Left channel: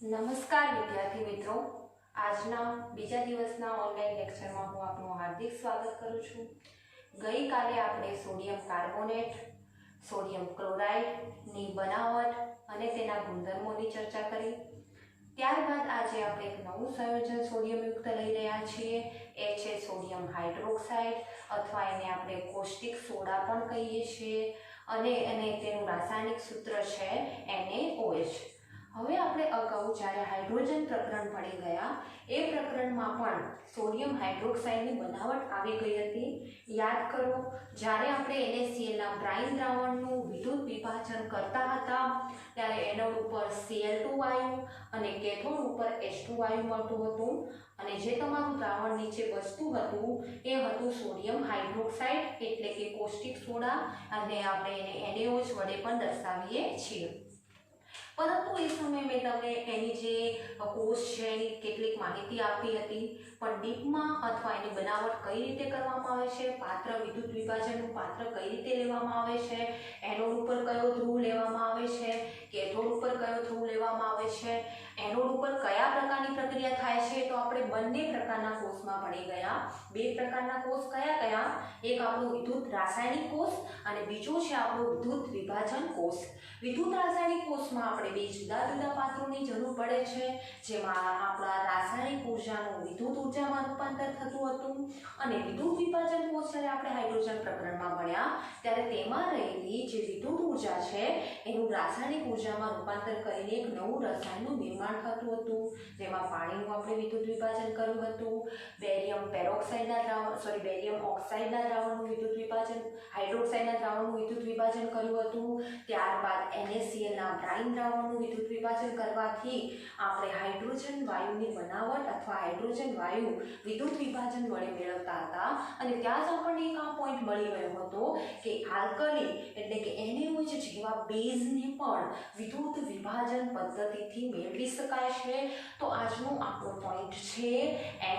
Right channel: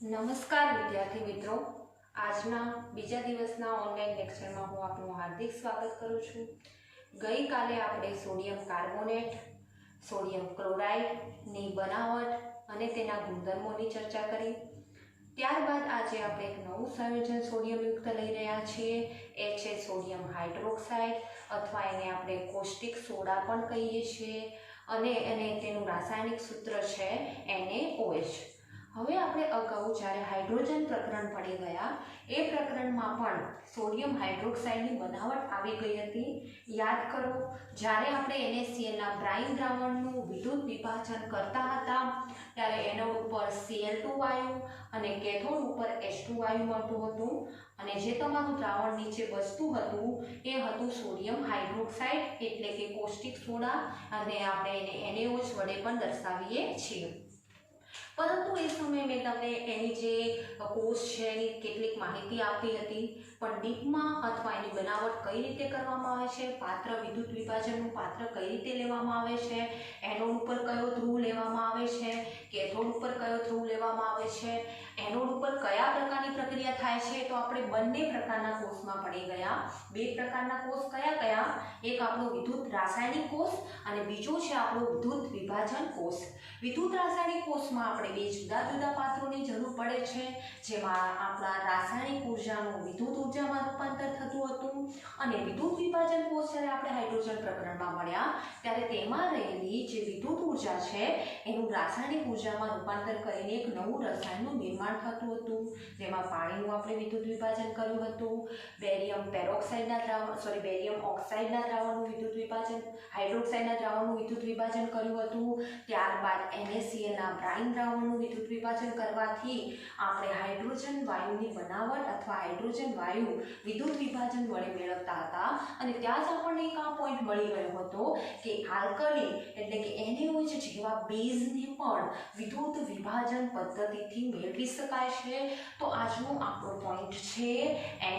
નમસ્કાર વિદ્યાર્થી મિત્રો, આજના બીજા દિવસના ઓનલાઈન લેક્ચરમાં હું આપનું હાર્દિક સ્વાગત કરું છું. ગઈકાલે આપણે સોડિયમ કાર્બોનેટ, સોડિયમ ક્લોરાઇડની બનાવટ અને તેના ગુણધર્મોની ચર્ચા કરી. ત્યારબાદ આજે આપણે એક નવું સંયોજન સોડિયમયુક્ત લઈ રહ્યા છીએ. એ છે સોડિયમ હાઇડ્રોક્સાઇડ અથવા એને આપણે કોસ્ટિક સોડા પણ કહીએ છીએ અને તેનું રાસાયણિક સૂત્ર છે NaOH. હવે આપણે અગાઉ જ્યારે હાઇડ્રોજન પ્રકરણ ભણી ગયા એ પ્રકરણમાં પણ સોડિયમ હાઇડ્રોક્સાઇડની બનાવટ આવી ગઈ હતી. યાદ કરો, જ્યારે આપણે NaClના બ્રાઇન દ્રાવણનું વિદ્યુત વિભાજન કરતા હતા ત્યારે એનોડ ઉપર Cl2 વાયુ અને કેથોડ ઉપર H2 વાયુ મળતું હતું અને જે તમારું દ્રાવણ નીચે બચતું હતું એ હતું સોડિયમ હાઇડ્રોક્સાઇડ એટલે કે કોસ્ટિક સોડા અને આપણે એને NaOH વડે પણ દર્શાવીએ છીએ. પરંતુ એ સમયે મેં તમને એની જે કોષ છે એની કેટલીક માહિતી આપી હતી, પણ ડીપમાં અથવા એની બનાવટ કઈ રીતે કરવામાં આવે છે, પાત્ર વિદ્યુત વિભાજનનું પાત્ર કઈ રીતે લેવામાં આવે છે, એનોડ ઉપર કયો ધ્રુવ લેવામાં આવે છે, કેથોડ ઉપર કયો ધ્રુવ લેવામાં આવે છે, એનોડ ઉપર કયા પ્રકારની પ્રક્રિયા થાય છે, તો આપણે બંને પ્રકારના કોષમાં ભણી ગયા. બે પ્રકારના કોષ કયા કયા? એક આપણો વિદ્યુત રાસાયણિક કોષ અને બીજો છે આપણો વિદ્યુત વિભાજન કોષ. વિદ્યુત રાસાયણિક કોષમાં આપણે બે જુદા જુદા પાત્રોની જરૂર પડે છે, જેમાં આપણા રાસાયણિક ઉર્જાનું વિદ્યુત ઉર્જામાં રૂપાંતર થતું હતું અને વિદ્યુત વિભાજન કોષ જ્યારે આપણે હાઇડ્રોજન પ્રકરણમાં ભણ્યા ત્યારે તેમાં રહેલી જે વિદ્યુત ઉર્જા છે એનું રાસાયણિક ઉર્જામાં રૂપાંતર કરીને એક નવું રસાયણનું નિર્માણ થતું હતું, જેમાં પાણીનું આપણે વિદ્યુત વિભાજન કર્યું હતું, બેરિયમ ઓક્સાઇડના દ્રાવણનું વિદ્યુત વિભાજન, હાઇડ્રોક્સાઇડના દ્રાવણનું વિદ્યુત વિભાજન કર્યું હતું. ત્યારબાદ NaClના બ્રાઇન દ્રાવણનું વિદ્યુત વિભાજન કરવાથી આપણે હાઇડ્રોજન વાયુની બનાવટ અથવા હાઇડ્રોજન વાયુ વિદ્યુત વિભાજન વડે મેળવતા હતા અને ત્યાં જ આપણને એક આ પોઈન્ટ મળી ગયો હતો કે આલ્કલી એટલે કે NaOH જેવા બેઝને પણ વિદ્યુત વિભાજન પદ્ધતિથી મેળવી શકાય છે. તો આજનો આપણો પોઈન્ટ છે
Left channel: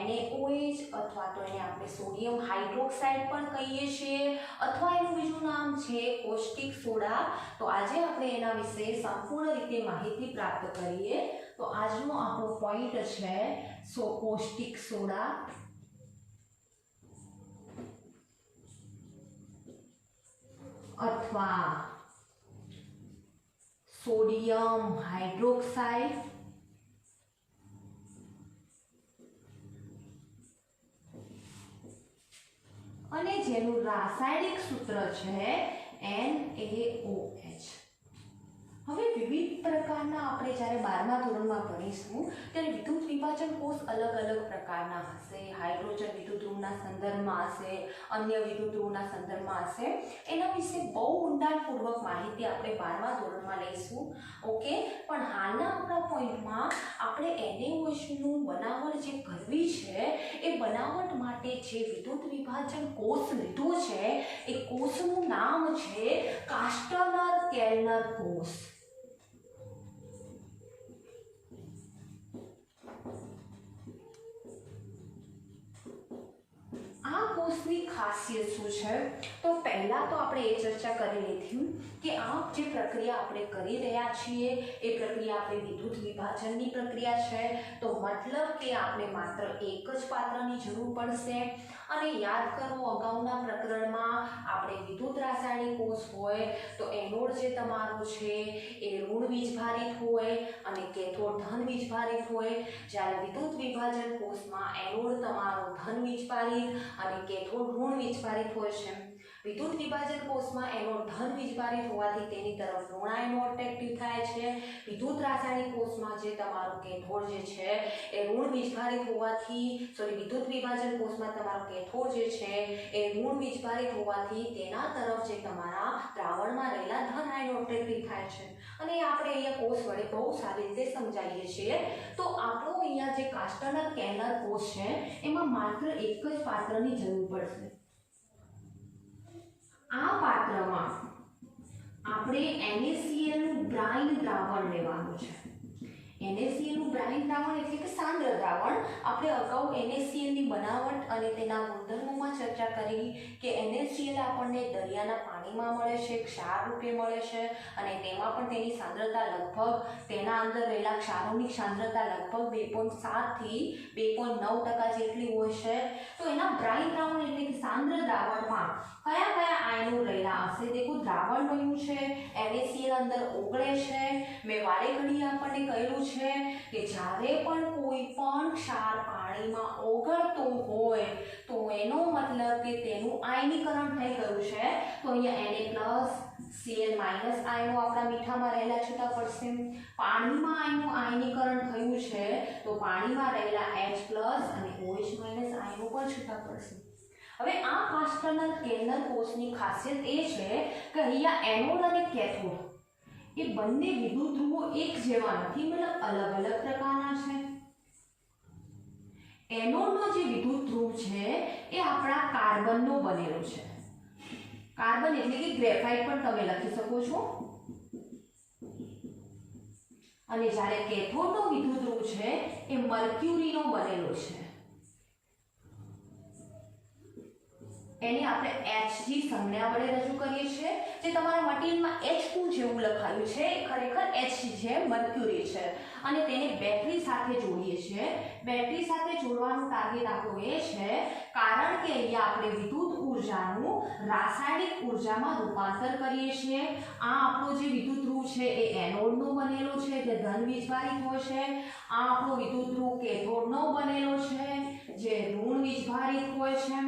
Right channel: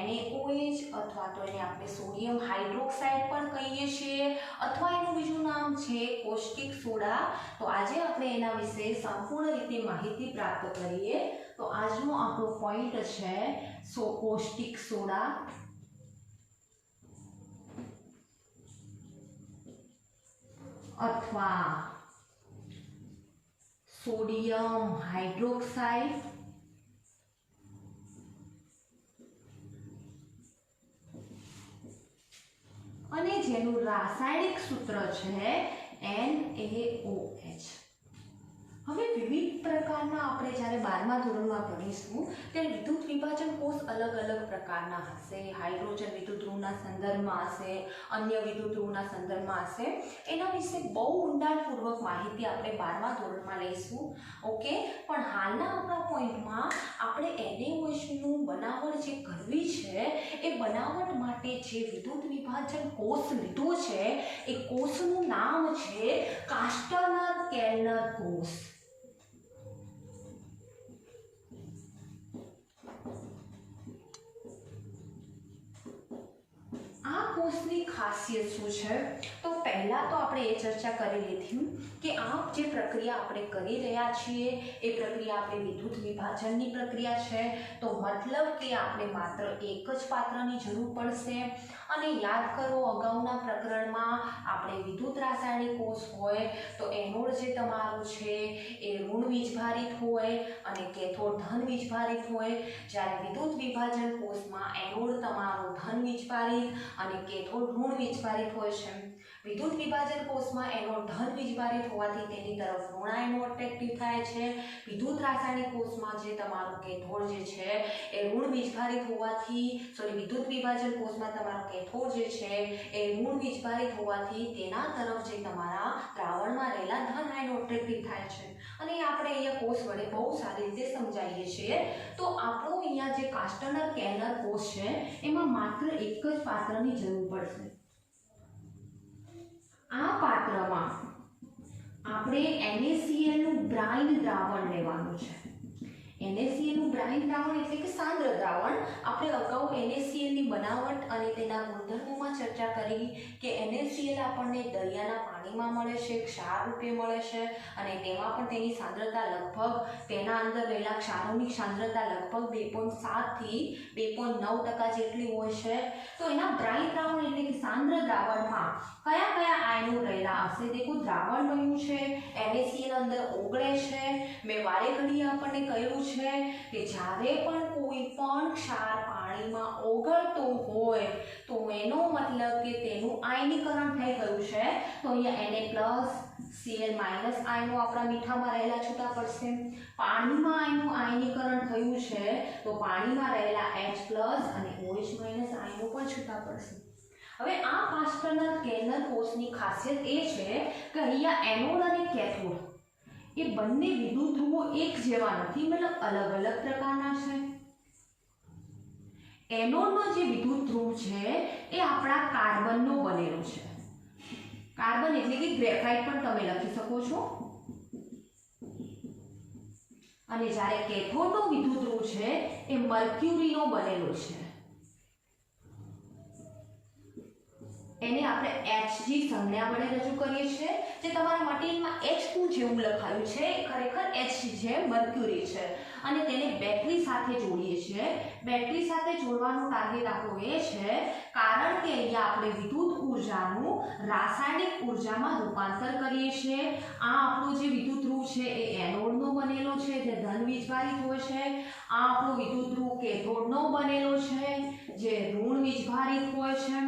NaOH અથવા તો એને આપણે સોડિયમ હાઇડ્રોક્સાઇડ પણ કહીએ છીએ અથવા એનું બીજું નામ છે કોસ્ટિક સોડા. તો આજે આપણે એના વિશે સંપૂર્ણ રીતે માહિતી પ્રાપ્ત કરીએ. તો આજનો આપણો પોઈન્ટ છે કોસ્ટિક સોડા અથવા સોડિયમ હાઇડ્રોક્સાઇડ અને જેનું રાસાયણિક સૂત્ર છે NaOH. હવે વિવિધ પ્રકારના આપણે જ્યારે 12મા ધોરણમાં ભણીશું ત્યારે વિદ્યુત વિભાજન કોષ અલગ અલગ પ્રકારના હશે. હાઇડ્રોજન વિદ્યુત ધ્રુવના સંદર્ભમાં હશે, અન્ય વિદ્યુત ધ્રુવના સંદર્ભમાં હશે. એના વિશે બહુ ઊંડાણપૂર્વક માહિતી આપણે 12મા ધોરણમાં લઈશું. ઓકે, પણ હાલના આપણા પોઈન્ટમાં આપણે NaOHનું બનાવટ જે કરવી છે એ બનાવટ માટે જે વિદ્યુત વિભાજન કોષ લીધો છે એ કોષનું નામ છે કાસ્ટનર-કેલ્નર કોષ. આ કોષની ખાસિયત શું છે? તો પહેલા તો આપણે એ ચર્ચા કરી લીધી કે આ જે પ્રક્રિયા આપણે કરી રહ્યા છીએ એ પ્રક્રિયા આપણે વિદ્યુત વિભાજનની પ્રક્રિયા છે. તો મતલબ કે આપણે માત્ર એક જ પાત્રની જરૂર પડશે. અને યાદ કરો, અગાઉના પ્રકરણમાં આપણે વિદ્યુત રાસાયણિક કોષ હોય તો એનોડ જે તમારો છે એ ઋણ વીજભારિત હોય અને કેથોડ ધન વીજભારિત હોય. જ્યારે વિદ્યુત વિભાજન કોષમાં એનોડ તમારો ધન વીજભારિત અને કેથોડ ઋણ વીજભારિત હોય છે. વિદ્યુત વિભાજન કોષમાં એનોડ ધન વીજભારિત હોવાથી તેની તરફ ઋણ આયનો એટ્રેક્ટિવ થાય છે. વિદ્યુત રાસાયણિક કોષમાં જે તમારો કેથોડ જે છે એ ઋણ વીજભારિત હોવાથી વિદ્યુત વિભાજન કોષમાં તમારો કેથોડ જે છે એ ઋણ વીજભારિત હોવાથી તેના તરફ જે તમારા દ્રાવણમાં રહેલા ધન આયનો એટ્રેક્ટિવ થાય છે. અને આપણે અહીંયા કોષ વડે બહુ સારી રીતે સમજાવીએ છીએ. તો આપણો અહીંયા જે કાસ્ટનર-કેલ્નર કોષ છે એમાં માત્ર એક જ પાત્રની જરૂર પડશે. આ પાત્રમાં આપણે NaClનું બ્રાઇન દ્રાવણ લેવાનું છે. NaClનું બ્રાઇન દ્રાવણ એટલે કે સાંદ્ર દ્રાવણ. આપણે અગાઉ NaClની બનાવટ અને તેના ગુણધર્મોમાં ચર્ચા કરી કે NaCl આપણને દરિયાના પાણી પાણીમાં મળે છે, ક્ષાર રૂપે મળે છે, અને તેમાં પણ તેની સાંદ્રતા લગભગ તેના અંદર રહેલા ક્ષારોની સાંદ્રતા લગભગ 2.7 થી 2.9% જેટલી હોય છે। તો એના બ્રાઇન દ્રાવણ એટલે કે સાંદ્ર દ્રાવણમાં કયા કયા આયનો રહેલા હશે? દેખો દ્રાવણ બન્યું છે, NaCl અંદર ઓગળે છે। મેં વારે ઘડી આપણને કહ્યું છે કે જ્યારે પણ કોઈ પણ ક્ષાર પાણીમાં ઓગળતો હોય તો એનો મતલબ કે તેનું આયનીકરણ થઈ ગયું છે। તો અહીંયા Na+Cl- આયનો આપણા મીઠામાં રહેલા છૂટા પડશે। પાણીમાં આયનું આયનીકરણ થયું છે તો પાણીમાં રહેલા H+ અને OH- આયનો પણ છૂટા પડશે। હવે આ કાસ્ટર્નર કેલનર કોષની ખાસિયત એ છે કે અહીંયા એનોડ અને કેથોડ એ બંને વિદ્યુત ધ્રુવો એક જેવા નથી, મતલબ અલગ અલગ પ્રકારના છે। એનોડનો જે વિદ્યુત ધ્રુવ છે એ આપણા કાર્બનનો બનેલો છે। કાર્બન એટલે કે ગ્રેફાઇટ પણ તમે લખી શકો છો। અને જ્યારે કેથોડનો વિદ્યુત ધ્રુવ છે એ મર્ક્યુરીનો બનેલો છે। એને આપણે Hg સંજ્ઞા વડે રજૂ કરીએ છીએ। જે તમારા મટીરિયલમાં H2 જેવું લખાયું છે એ ખરેખર Hg છે, મર્ક્યુરી છે, અને તેને બેટરી સાથે જોડીએ છીએ। બેટરી સાથે જોડવાનું ટાર્ગેટ આપણું એ છે કારણ કે અહીંયા આપણે વિદ્યુત ઉર્જાનું રાસાયણિક ઉર્જામાં રૂપાંતર કરીએ છીએ। આ આપણો જે વિદ્યુત ધ્રુવ છે એ એનોડનો બનેલો છે જે ધન વીજભારિત હોય છે। આ આપણો વિદ્યુત ધ્રુવ કેથોડનો બનેલો છે જે ઋણ વીજભારિત હોય છે।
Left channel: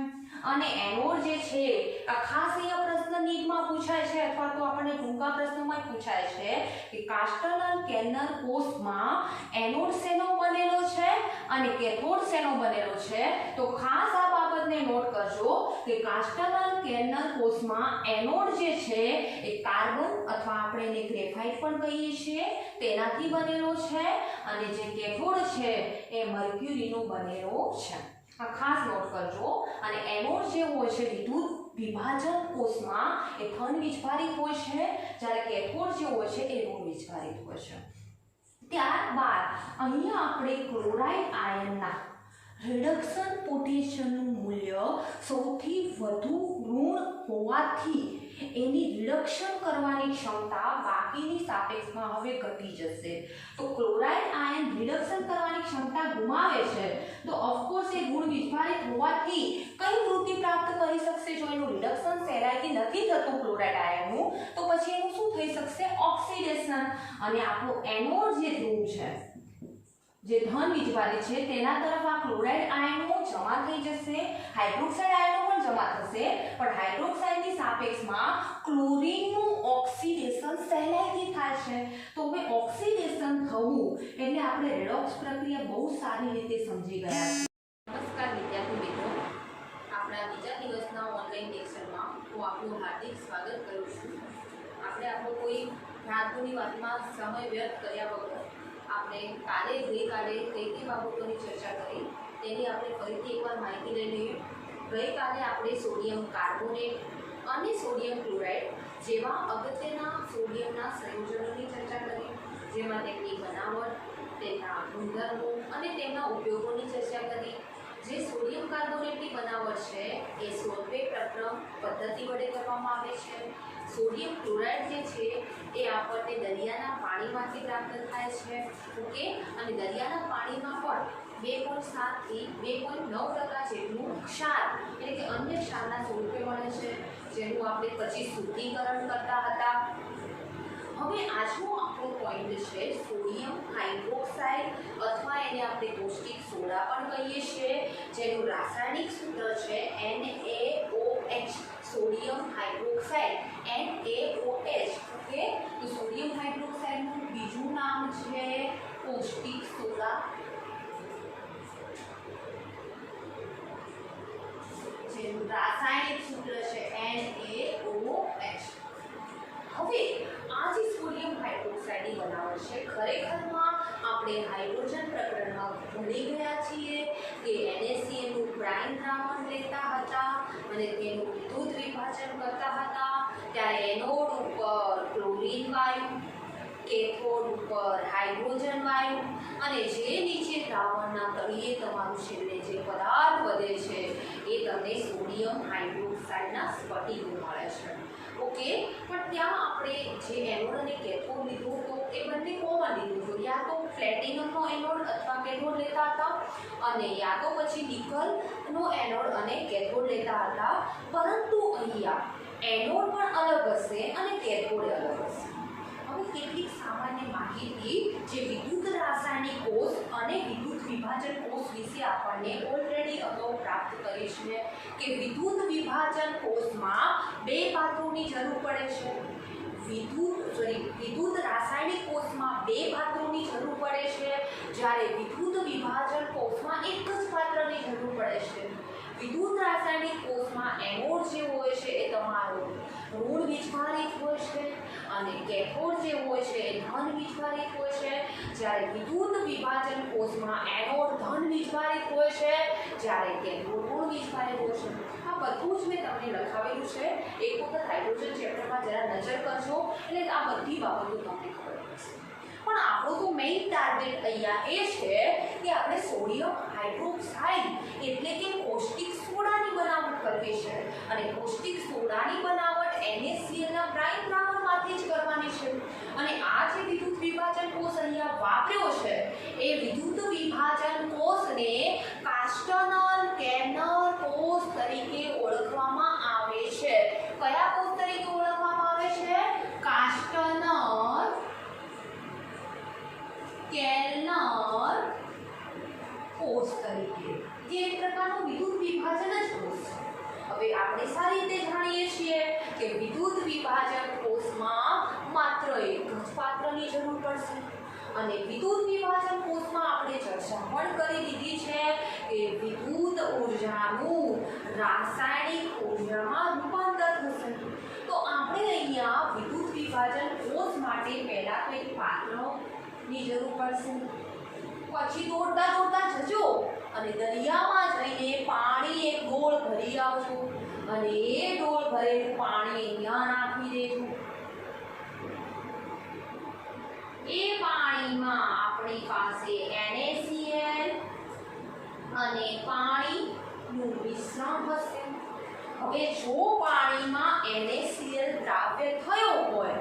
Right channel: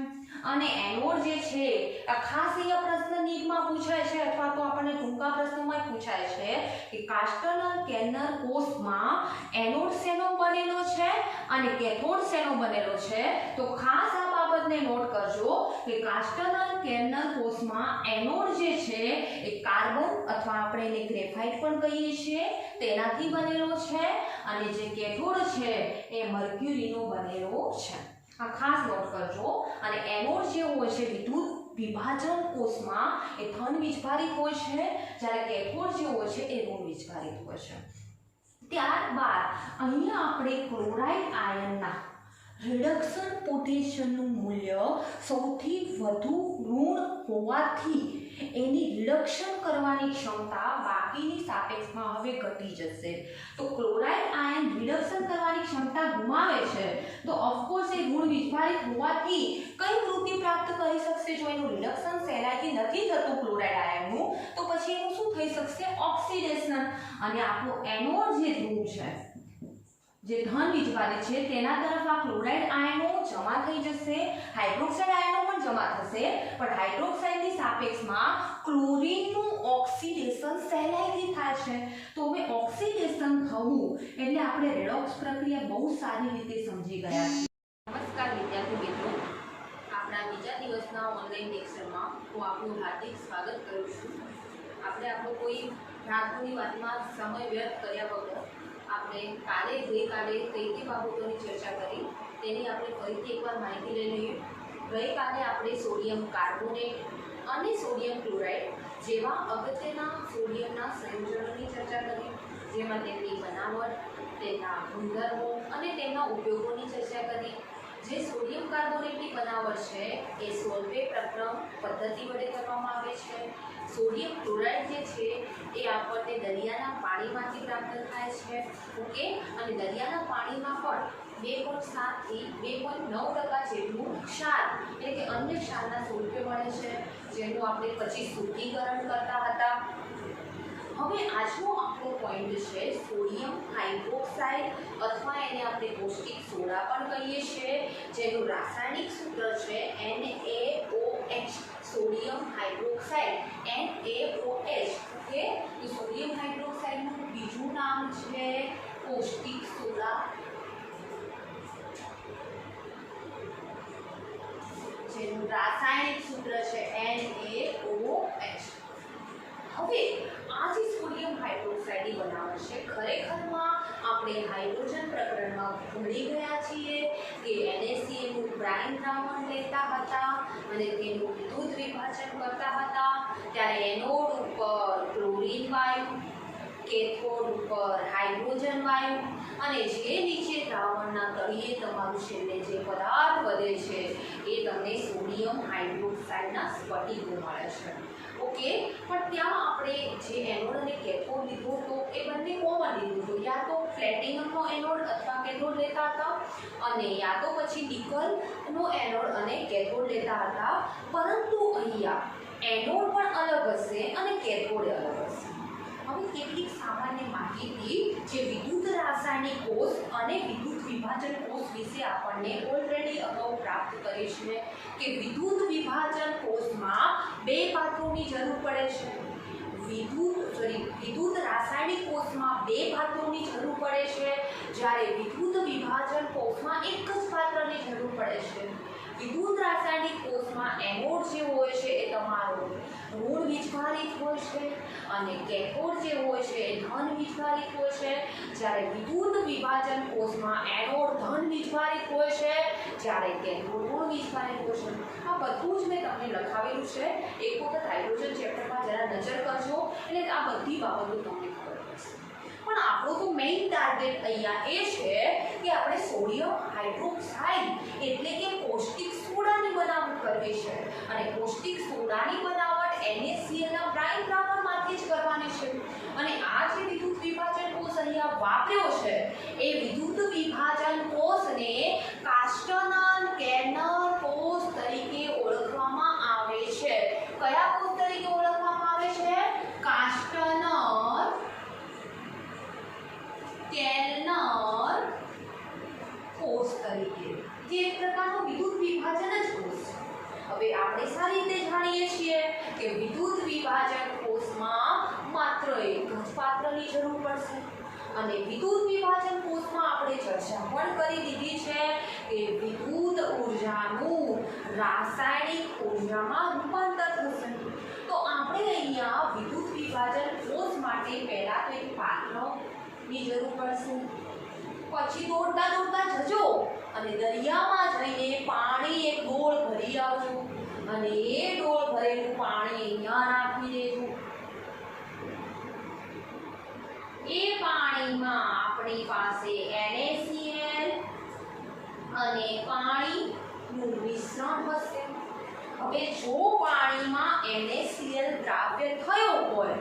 અને એનોડ જે છે આ ખાસ અહીંયા પ્રશ્ન નીટમાં પૂછાય છે અથવા તો આપણને ટૂંકા પ્રશ્નોમાં પૂછાય છે કે કાસ્ટર્નર કેલનર કોષમાં એનોડ શેનો બનેલો છે અને કેથોડ શેનો બનેલો છે। તો ખાસ આ બાબતને નોટ કરજો કે કાસ્ટર્નર કેલનર કોષમાં એનોડ જે છે એ કાર્બન અથવા આપણે એને ગ્રેફાઇટ પણ કહીએ છીએ તેનાથી બનેલો છે, અને જે કેથોડ છે એ મર્ક્યુરીનો બનેલો છે। આ ખાસ નોટ કરજો। અને એનોડ જે હોય છે વિદ્યુત વિભાજન કોષમાં એ ધન વીજભારિત હોય છે, જ્યારે કેથોડ જે હોય છે એ ઋણ વીજભારિત હોય છે। ત્યારબાદ અહીંયા આપણે ક્લોરાઇડ આયનના રિડક્શન પોટેન્શિયલનું મૂલ્ય સૌથી વધુ ઋણ હોવાથી એની રિડક્શન કરવાની ક્ષમતા બાકીની સાપેક્ષમાં હવે ઘટી જશે। તો ક્લોરાઇડ આયન રિડક્શન કરવાની ક્ષમતા ગુમાવે છે તો ઓફકોર્સ એ ઋણ વીજભારિત હોવાથી કઈ વૃત્તિ પ્રાપ્ત કરી શકશે? જો એનું રિડક્શન સહેલાઈથી નથી થતું ક્લોરાઇડ આયનનું તો પછી એનું શું થઈ શકશે? ઓક્સિડેશન। અને આપણું એનોડ જે ધ્રુવ છે જે ધન વીજભારિત છે તેના તરફ આ ક્લોરાઇડ આયનો જમા થઈ જશે। હાઇડ્રોક્સાઇડ આયનો પણ જમા થશે, પણ હાઇડ્રોક્સાઇડની સાપેક્ષમાં ક્લોરીનનું ઓક્સિડેશન સહેલાઈથી થાય છે। તો હવે ઓક્સિડેશન થવું એટલે આપણે રેડોક્સ પ્રક્રિયા બહુ સારી રીતે સમજી ગયા છીએ। નમસ્કાર વિદ્યાર્થી મિત્રો, આપણા બીજા દિવસના ઓનલાઈન લેક્ચરમાં હું આપનું હાર્દિક સ્વાગત કરું છું। આપણે આપણો કોઈ રાતની વાતમાં સમય વ્યર્થ કર્યા વગર આપણે ગઈકાલે કઈ બાબતોની ચર્ચા કરી તેની આપણે ફરીથી એકવાર માહિતી લઈ લઈએ। ગઈકાલે આપણે સોડિયમ કાર્બોનેટ અને સોડિયમ ક્લોરાઇડ જેવા અગત્યના સોડિયમના સંયોજનોની ચર્ચા કરી, જેમાં તેમની બનાવટ, તેમના ગુણધર્મો અને તેમના ઉપયોગોની ચર્ચા કરી। જે સોડિયમ કાર્બોનેટની બનાવટ છે એ સોલ્વે પ્રક્રમ પદ્ધતિ વડે કરવામાં આવે છે। સોડિયમ ક્લોરાઇડ જે છે એ આપણને દરિયાના પાણીમાંથી પ્રાપ્ત થાય છે, ઓકે। અને દરિયાના પાણીમાં પણ 2.7 થી 2.9% જેટલું ક્ષાર એટલે કે અન્ય ક્ષારના સ્વરૂપે મળે છે, જેનું આપણે પછી શુદ્ધિકરણ કરતા હતા। હવે આજનો આપણો પોઈન્ટ છે સોડિયમ હાઇડ્રોક્સાઇડ અથવા એને આપણે પૌષ્ટિક સોડા પણ કહીએ છીએ, જેનું રાસાયણિક સૂત્ર છે NaOH। Sodium hydroxide NaOH, okay. તો સોડિયમ હાઇડ્રોક્સાઇડનું બીજું નામ છે પૌષ્ટિક સોડા, જેનું રાસાયણિક સૂત્ર છે NaOH। હવે આ જે સોડિયમ હાઇડ્રોક્સાઇડની બનાવટ છે ખરેખરમાં આપણે હાઇડ્રોજન પ્રકરણમાં ભણી ગયા છીએ કે NaCl નું બ્રાઇન દ્રાવણ લેતા હતા અને તેનું વિદ્યુત વિભાજન કરતા હતા, ત્યારે એનોડ ઉપર ક્લોરીન વાયુ, કેથોડ ઉપર હાઇડ્રોજન વાયુ, અને જે નીચે દ્રાવણના તળિયે તમારું છેલ્લે જે પદાર્થ વધે છે એ તમને સોડિયમ હાઇડ્રોક્સાઇડના સ્ફટિકો મળે છે। ઓકે, પણ ત્યાં આપણે જે એનોડ અને કેથોડ લીધો હતો એ બંને કોમન લીધું હતું, યા તો પ્લેટિનમનો એનોડ અથવા કેથોડ લેતા હતા અને યા તો પછી નિકલનો એનોડ અને કેથોડ લેતા હતા, પરંતુ અહીંયા એનોડ પણ અલગ હશે અને કેથોડ અલગ હશે। હવે કેટલીક સામાન્ય માહિતી જે વિદ્યુત રાસાયણિક કોષ અને વિદ્યુત વિભાજન કોષ વિશે આપણને ઓલરેડી અગાઉ પ્રાપ્ત કરી છે કે વિદ્યુત વિભાજન કોષમાં બે પાત્રોની જરૂર પડે છે। વિદ્યુત રાસાયણિક કોષમાં બે પાત્રોની જરૂર પડે છે, જ્યારે વિદ્યુત વિભાજન કોષમાં એક જ પાત્રની જરૂર પડે છે। વિદ્યુત રાસાયણિક કોષમાં એનોડ જે હોય છે એ તમારો ઋણ વીજભારિત હોય છે અને કેથોડ જે હોય છે એ ધન વીજભારિત હોય છે, જ્યારે વિદ્યુત વિભાજન કોષમાં એનોડ ધન વીજભારિત હોય છે જ્યારે કેથોડ ઋણ વીજભારિત હોય છે। આ બધું જ મેં તમને લખાવેલું છે, એક વખત હાઇડ્રોજન ચેપ્ટરમાં જરા નજર કરજો એટલે આ બધી બાબતો તમને ખબર પડશે। પણ આપણો તો મેઇન ટાર્ગેટ અહીંયા એ છે કે આપણે સોડિયમ હાઇડ્રોક્સાઇડ એટલે કે કોષ્ટિક સોડાની બનાવટ કરવી છે અને કોષ્ટિક સોડાની બનાવટ NaCl ના બ્રાઇન દ્રાવણમાંથી જ કરવાની છે। અને આ જે વિદ્યુત વિભાજન કોષ અહીંયા વાપર્યો છે એ વિદ્યુત વિભાજન કોષને કાસ્ટનર કેર્નર કોષ તરીકે ઓળખવામાં આવે છે। કયા કોષ તરીકે ઓળખવામાં આવે છે? કાસ્ટનર કેર્નર કોષ તરીકે, જે એક પ્રકારનો વિદ્યુત વિભાજન જ કોષ છે। હવે આપણે સારી રીતે જાણીએ છીએ કે વિદ્યુત વિભાજન કોષમાં માત્ર એક જ પાત્રની જરૂર પડશે અને વિદ્યુત વિભાજન કોષમાં આપણે ચર્ચા પણ કરી દીધી છે કે વિદ્યુત ઊર્જાનું રાસાયણિક ઊર્જામાં રૂપાંતર થશે। તો આપણે અહીંયા વિદ્યુત વિભાજન કોષ માટે પહેલા તો એક પાત્રની જરૂર પડશે, પછી દોડતા દોડતા જજો અને દરિયામાં જઈને પાણી એક ડોળ ભરી આવજો અને એ ડોળ ભરેલું પાણી અહીંયા નાખી દેજો। એ પાણીમાં આપણી પાસે NaCl અને પાણીનું મિશ્રણ હશે। હવે જો પાણીમાં NaCl દ્રાવ્ય થયો હોય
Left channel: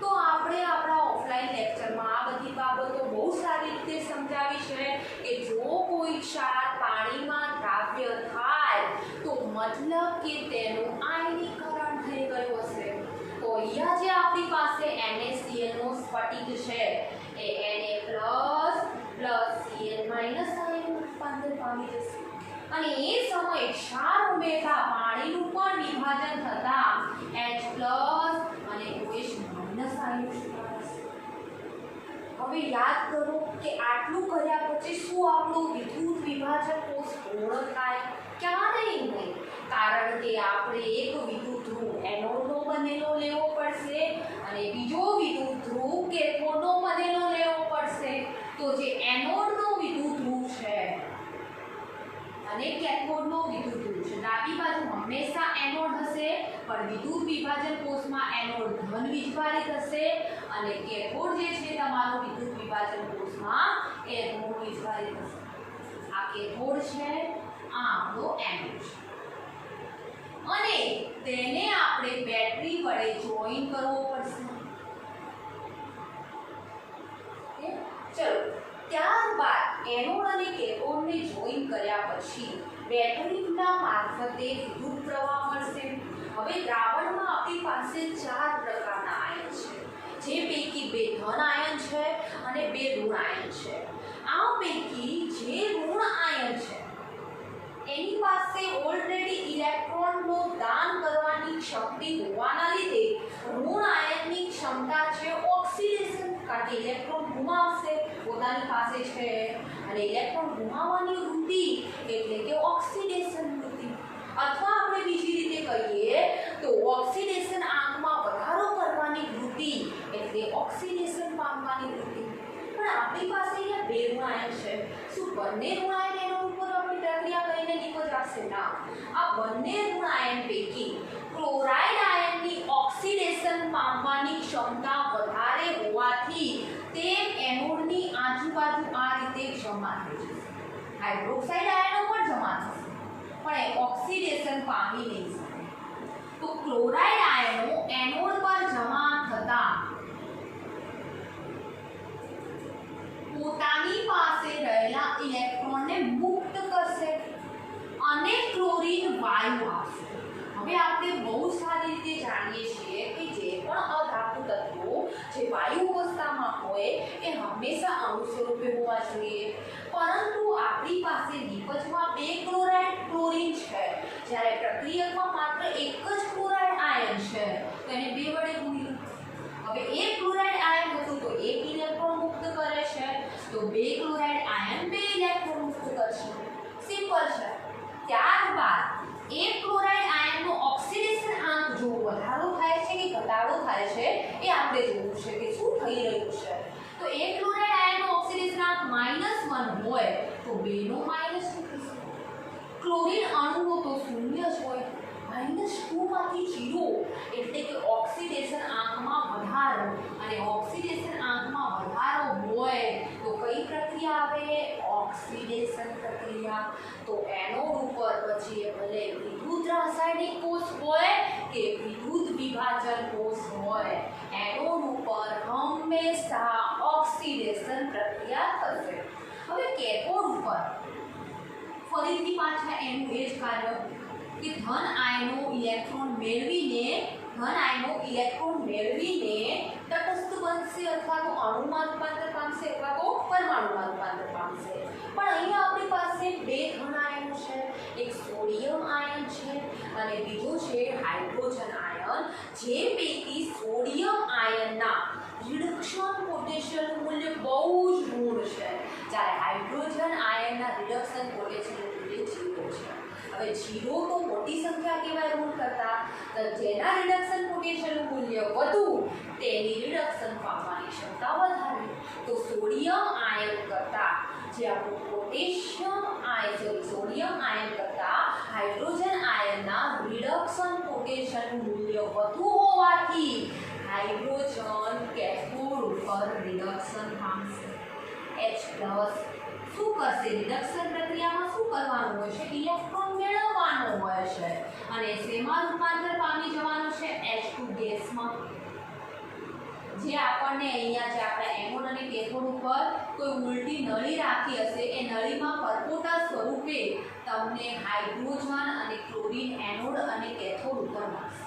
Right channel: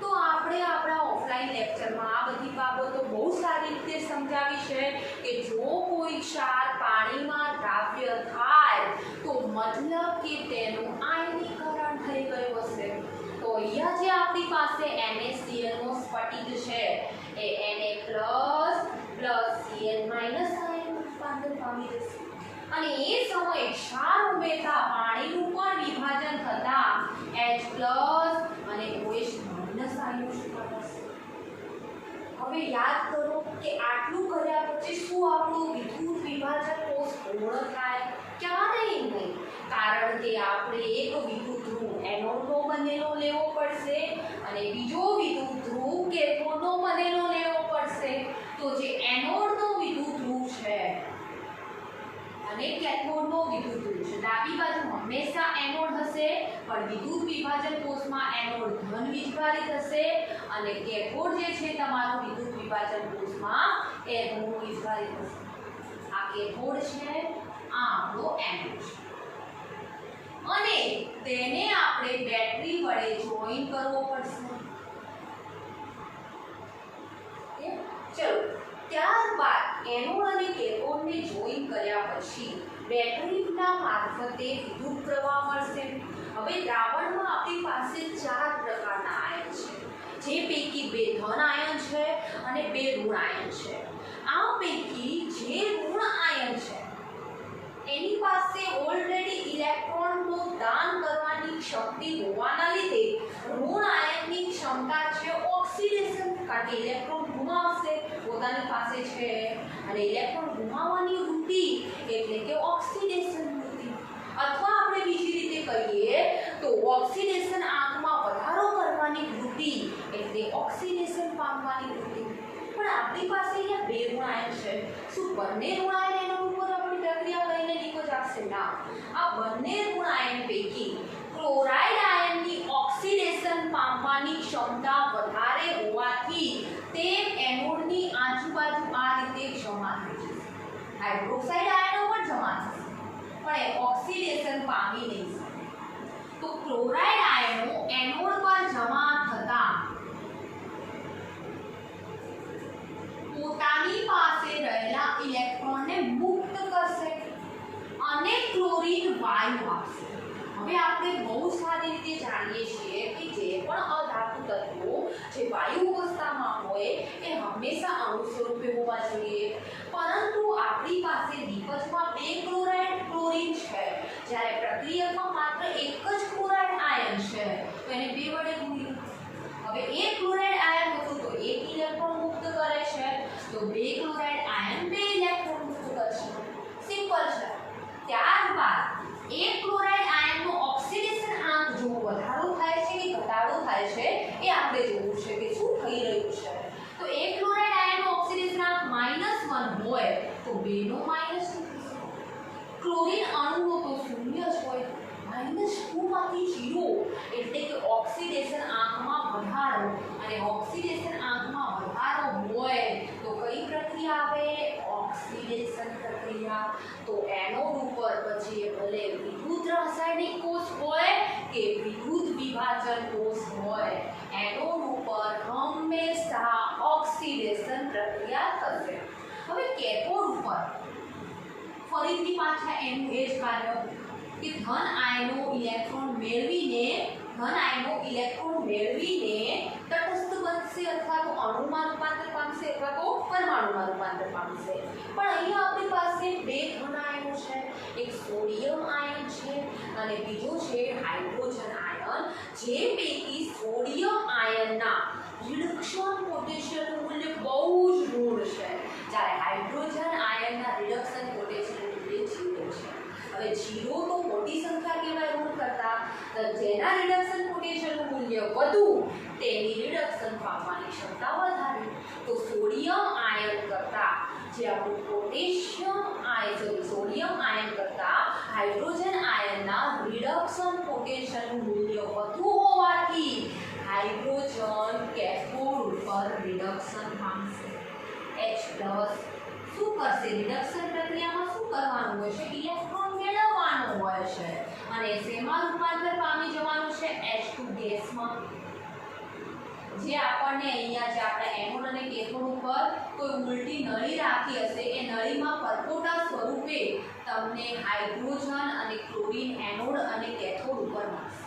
તો આપણે આપણા ઓફલાઈન લેક્ચરમાં આ બધી બાબતો બહુ સારી રીતે સમજાવી છે કે જો કોઈ ક્ષાર પાણીમાં દ્રાવ્ય થાય તો મતલબ કે તેનું આયનીકરણ થઈ ગયું હશે। તો અહીંયા જે આપણી પાસે NaCl નો સ્ફટિક છે એ Na++ Cl- આયન રૂપાંતર પામી જશે અને એ સમયે ક્ષાર ઉમેરતા પાણીનું પણ વિભાજન થતા H+ અને OH- હવે યાદ કરો કે આટલું કર્યા પછી શું આપણું વિદ્યુત વિભાજન કોષ પૂર્ણ થાય? ક્યારેય નહીં, કારણ કે આપણે એક વિદ્યુત ધ્રુવ એનોડનો બનેલો લેવો પડશે અને બીજો વિદ્યુત ધ્રુવ કેથોડનો બનેલો લેવો પડશે। તો જે એનોડનો વિદ્યુત ધ્રુવ છે અને કેથોડનો વિદ્યુત ધ્રુવ છે, ડાબી બાજુ હંમેશા એનોડ હશે પણ વિદ્યુત વિભાજન કોષમાં એનોડ ધન વીજભારિત હશે અને કેથોડ જે છે તમારો વિદ્યુત વિભાજન કોષમાં એ ઋણ વીજભારિત હશે। આ કેથોડ છે, આ આપણો એનોડ છે અને તેને આપણે બેટરી વડે જોઈન કરવો પડશે। ચલો, ત્યારબાદ એનોડ અને કેથોડને જોઈન કર્યા પછી બેટરીના મારફતે વિદ્યુત પ્રવાહ મળશે। હવે દ્રાવણમાં આપણી પાસે 4 પ્રકારના આયન છે, જે પૈકી 2 ધન આયન છે અને 2 ઋણ આયન છે। આ પૈકી જે ઋણ આયન છે એની પાસે ઓલરેડી ઇલેક્ટ્રોનનું દાન કરવાની શક્તિ હોવાના લીધે ઋણ આયનની ક્ષમતા છે ઓક્સિડેશન, કારણ કે ઇલેક્ટ્રોન ગુમાવશે પોતાની પાસે છે અને ઇલેક્ટ્રોન ગુમાવવાની વૃત્તિ એટલે કે ઓક્સિડેશન વૃત્તિ, અથવા આપણે બીજી રીતે કહીએ તો ઓક્સિડેશન આંકમાં વધારો કરવાની વૃત્તિ એટલે ઓક્સિડેશન પામવાની વૃત્તિ। પણ આપણી પાસે અહીંયા 2 ઋણ આયન છે, શું બંને ઋણ આયન એના ઉપર આપણી પ્રક્રિયા કરીને નિકોજ આવશે? ના, આ બંને ઋણ આયન પૈકી ક્લોરાઇડ આયનની ઓક્સિડેશન પામવાની ક્ષમતા વધારે હોવાથી તે એનોડની આજુબાજુ આ રીતે જમા થઈ જશે। હાઇડ્રોક્સાઇડ આયનો પણ જમા થશે પણ એ ઓક્સિડેશન પામી નહીં શકે। તો ક્લોરાઇડ આયનો એનોડ પર જમા થતા પોતાની પાસે રહેલા ઇલેક્ટ્રોનને મુક્ત કરશે અને ક્લોરીન વાયુ આપશે। હવે આપણે બહુ સારી રીતે જાણીએ છીએ કે જે પણ અધાતુ તત્વો જે વાયુ અવસ્થામાં હોય એ હંમેશા અણુ સ્વરૂપે હોવા જોઈએ, પરંતુ આપણી પાસે નિપજમાં બે ક્લોરીન છે, જ્યારે પ્રક્રિયકમાં માત્ર એક જ ક્લોરાઇડ આયન છે, તો એને બે વડે ગુણીએ। હવે એક ક્લોરાઇડ આયન હતું તો એક ઇલેક્ટ્રોન મુક્ત કરે છે, તો બે ક્લોરાઇડ આયન બે ઇલેક્ટ્રોન મુક્ત કરશે, સિમ્પલ છે। ત્યારબાદ એક ક્લોરાઇડ આયનનો ઓક્સિડેશન આંક જો વધારો થાય છે કે ઘટાડો થાય છે એ આપણે જોવું છે કે શું થઈ રહ્યું છે। તો એક ક્લોરાઇડ આયનનો ઓક્સિડેશન આંક -1 હોય તો બેનો -2 થશે। ક્લોરીન અણુનો તો શૂન્ય જ હોય, -2 માંથી 0 એટલે કે ઓક્સિડેશન આંકમાં વધારો, અને ઓક્સિડેશન આંકમાં વધારો હોય તો કઈ પ્રક્રિયા આવે? ઓક્સિડેશન પ્રક્રિયા। તો એનોડ ઉપર પછી ભલે વિદ્યુત રાસાયણિક કોષ હોય કે વિદ્યુત વિભાજન કોષ હોય, એનોડ ઉપર હંમેશા ઓક્સિડેશન પ્રક્રિયા થશે। હવે કેથોડ ઉપર ફરીથી પાછા એનું એ જ કાર્ય કે ધન આયનો ઇલેક્ટ્રોન મેળવીને તટસ્થ બનશે અથવા તો અણુમાં રૂપાંતર પામશે અથવા તો પરમાણુમાં રૂપાંતર પામશે। પણ અહીંયા આપણી પાસે બે ધન આયનો છે, એક સોડિયમ આયન છે અને બીજો છે હાઇડ્રોજન આયન, જે પૈકી સોડિયમ આયનના રિડક્શન પોટેન્શિયલનું મૂલ્ય બહુ જ ઋણ છે, જ્યારે હાઇડ્રોજન આયનના રિડક્શન પોટેન્શિયલનું મૂલ્ય 0 છે। હવે 0 તો મોટી સંખ્યા કહેવાય ઋણ કરતા, તો જેના રિડક્શન પોટેન્શિયલનું મૂલ્ય વધુ તેની રિડક્શન પામવાની ક્ષમતા વધારે। તો સોડિયમ આયન કરતા જે આપણું સોડિયમ આયન કરતા હાઇડ્રોજન આયનના રિડક્શન પોટેન્શિયલનું મૂલ્ય વધુ હોવાથી હાઇડ્રોજન કેથોડ ઉપર રિડક્શન પામશે। H+ શું કરશે? રિડક્શન પ્રક્રિયામાં શું કરવાનું હોય છે? ઇલેક્ટ્રોન મેળવવાનો હોય છે, અને શેમાં રૂપાંતર પામી જવાનું છે? H2 ગેસમાં। જે આપણને અહીંયા જે આપણા એનોડ અને કેથોડ ઉપર કોઈ ઉલટી નળી રાખી હશે, એ નળીમાં પરપોટા સ્વરૂપે તમને હાઇડ્રોજન અને ક્લોરીન એનોડ અને કેથોડ ઉપર મળશે।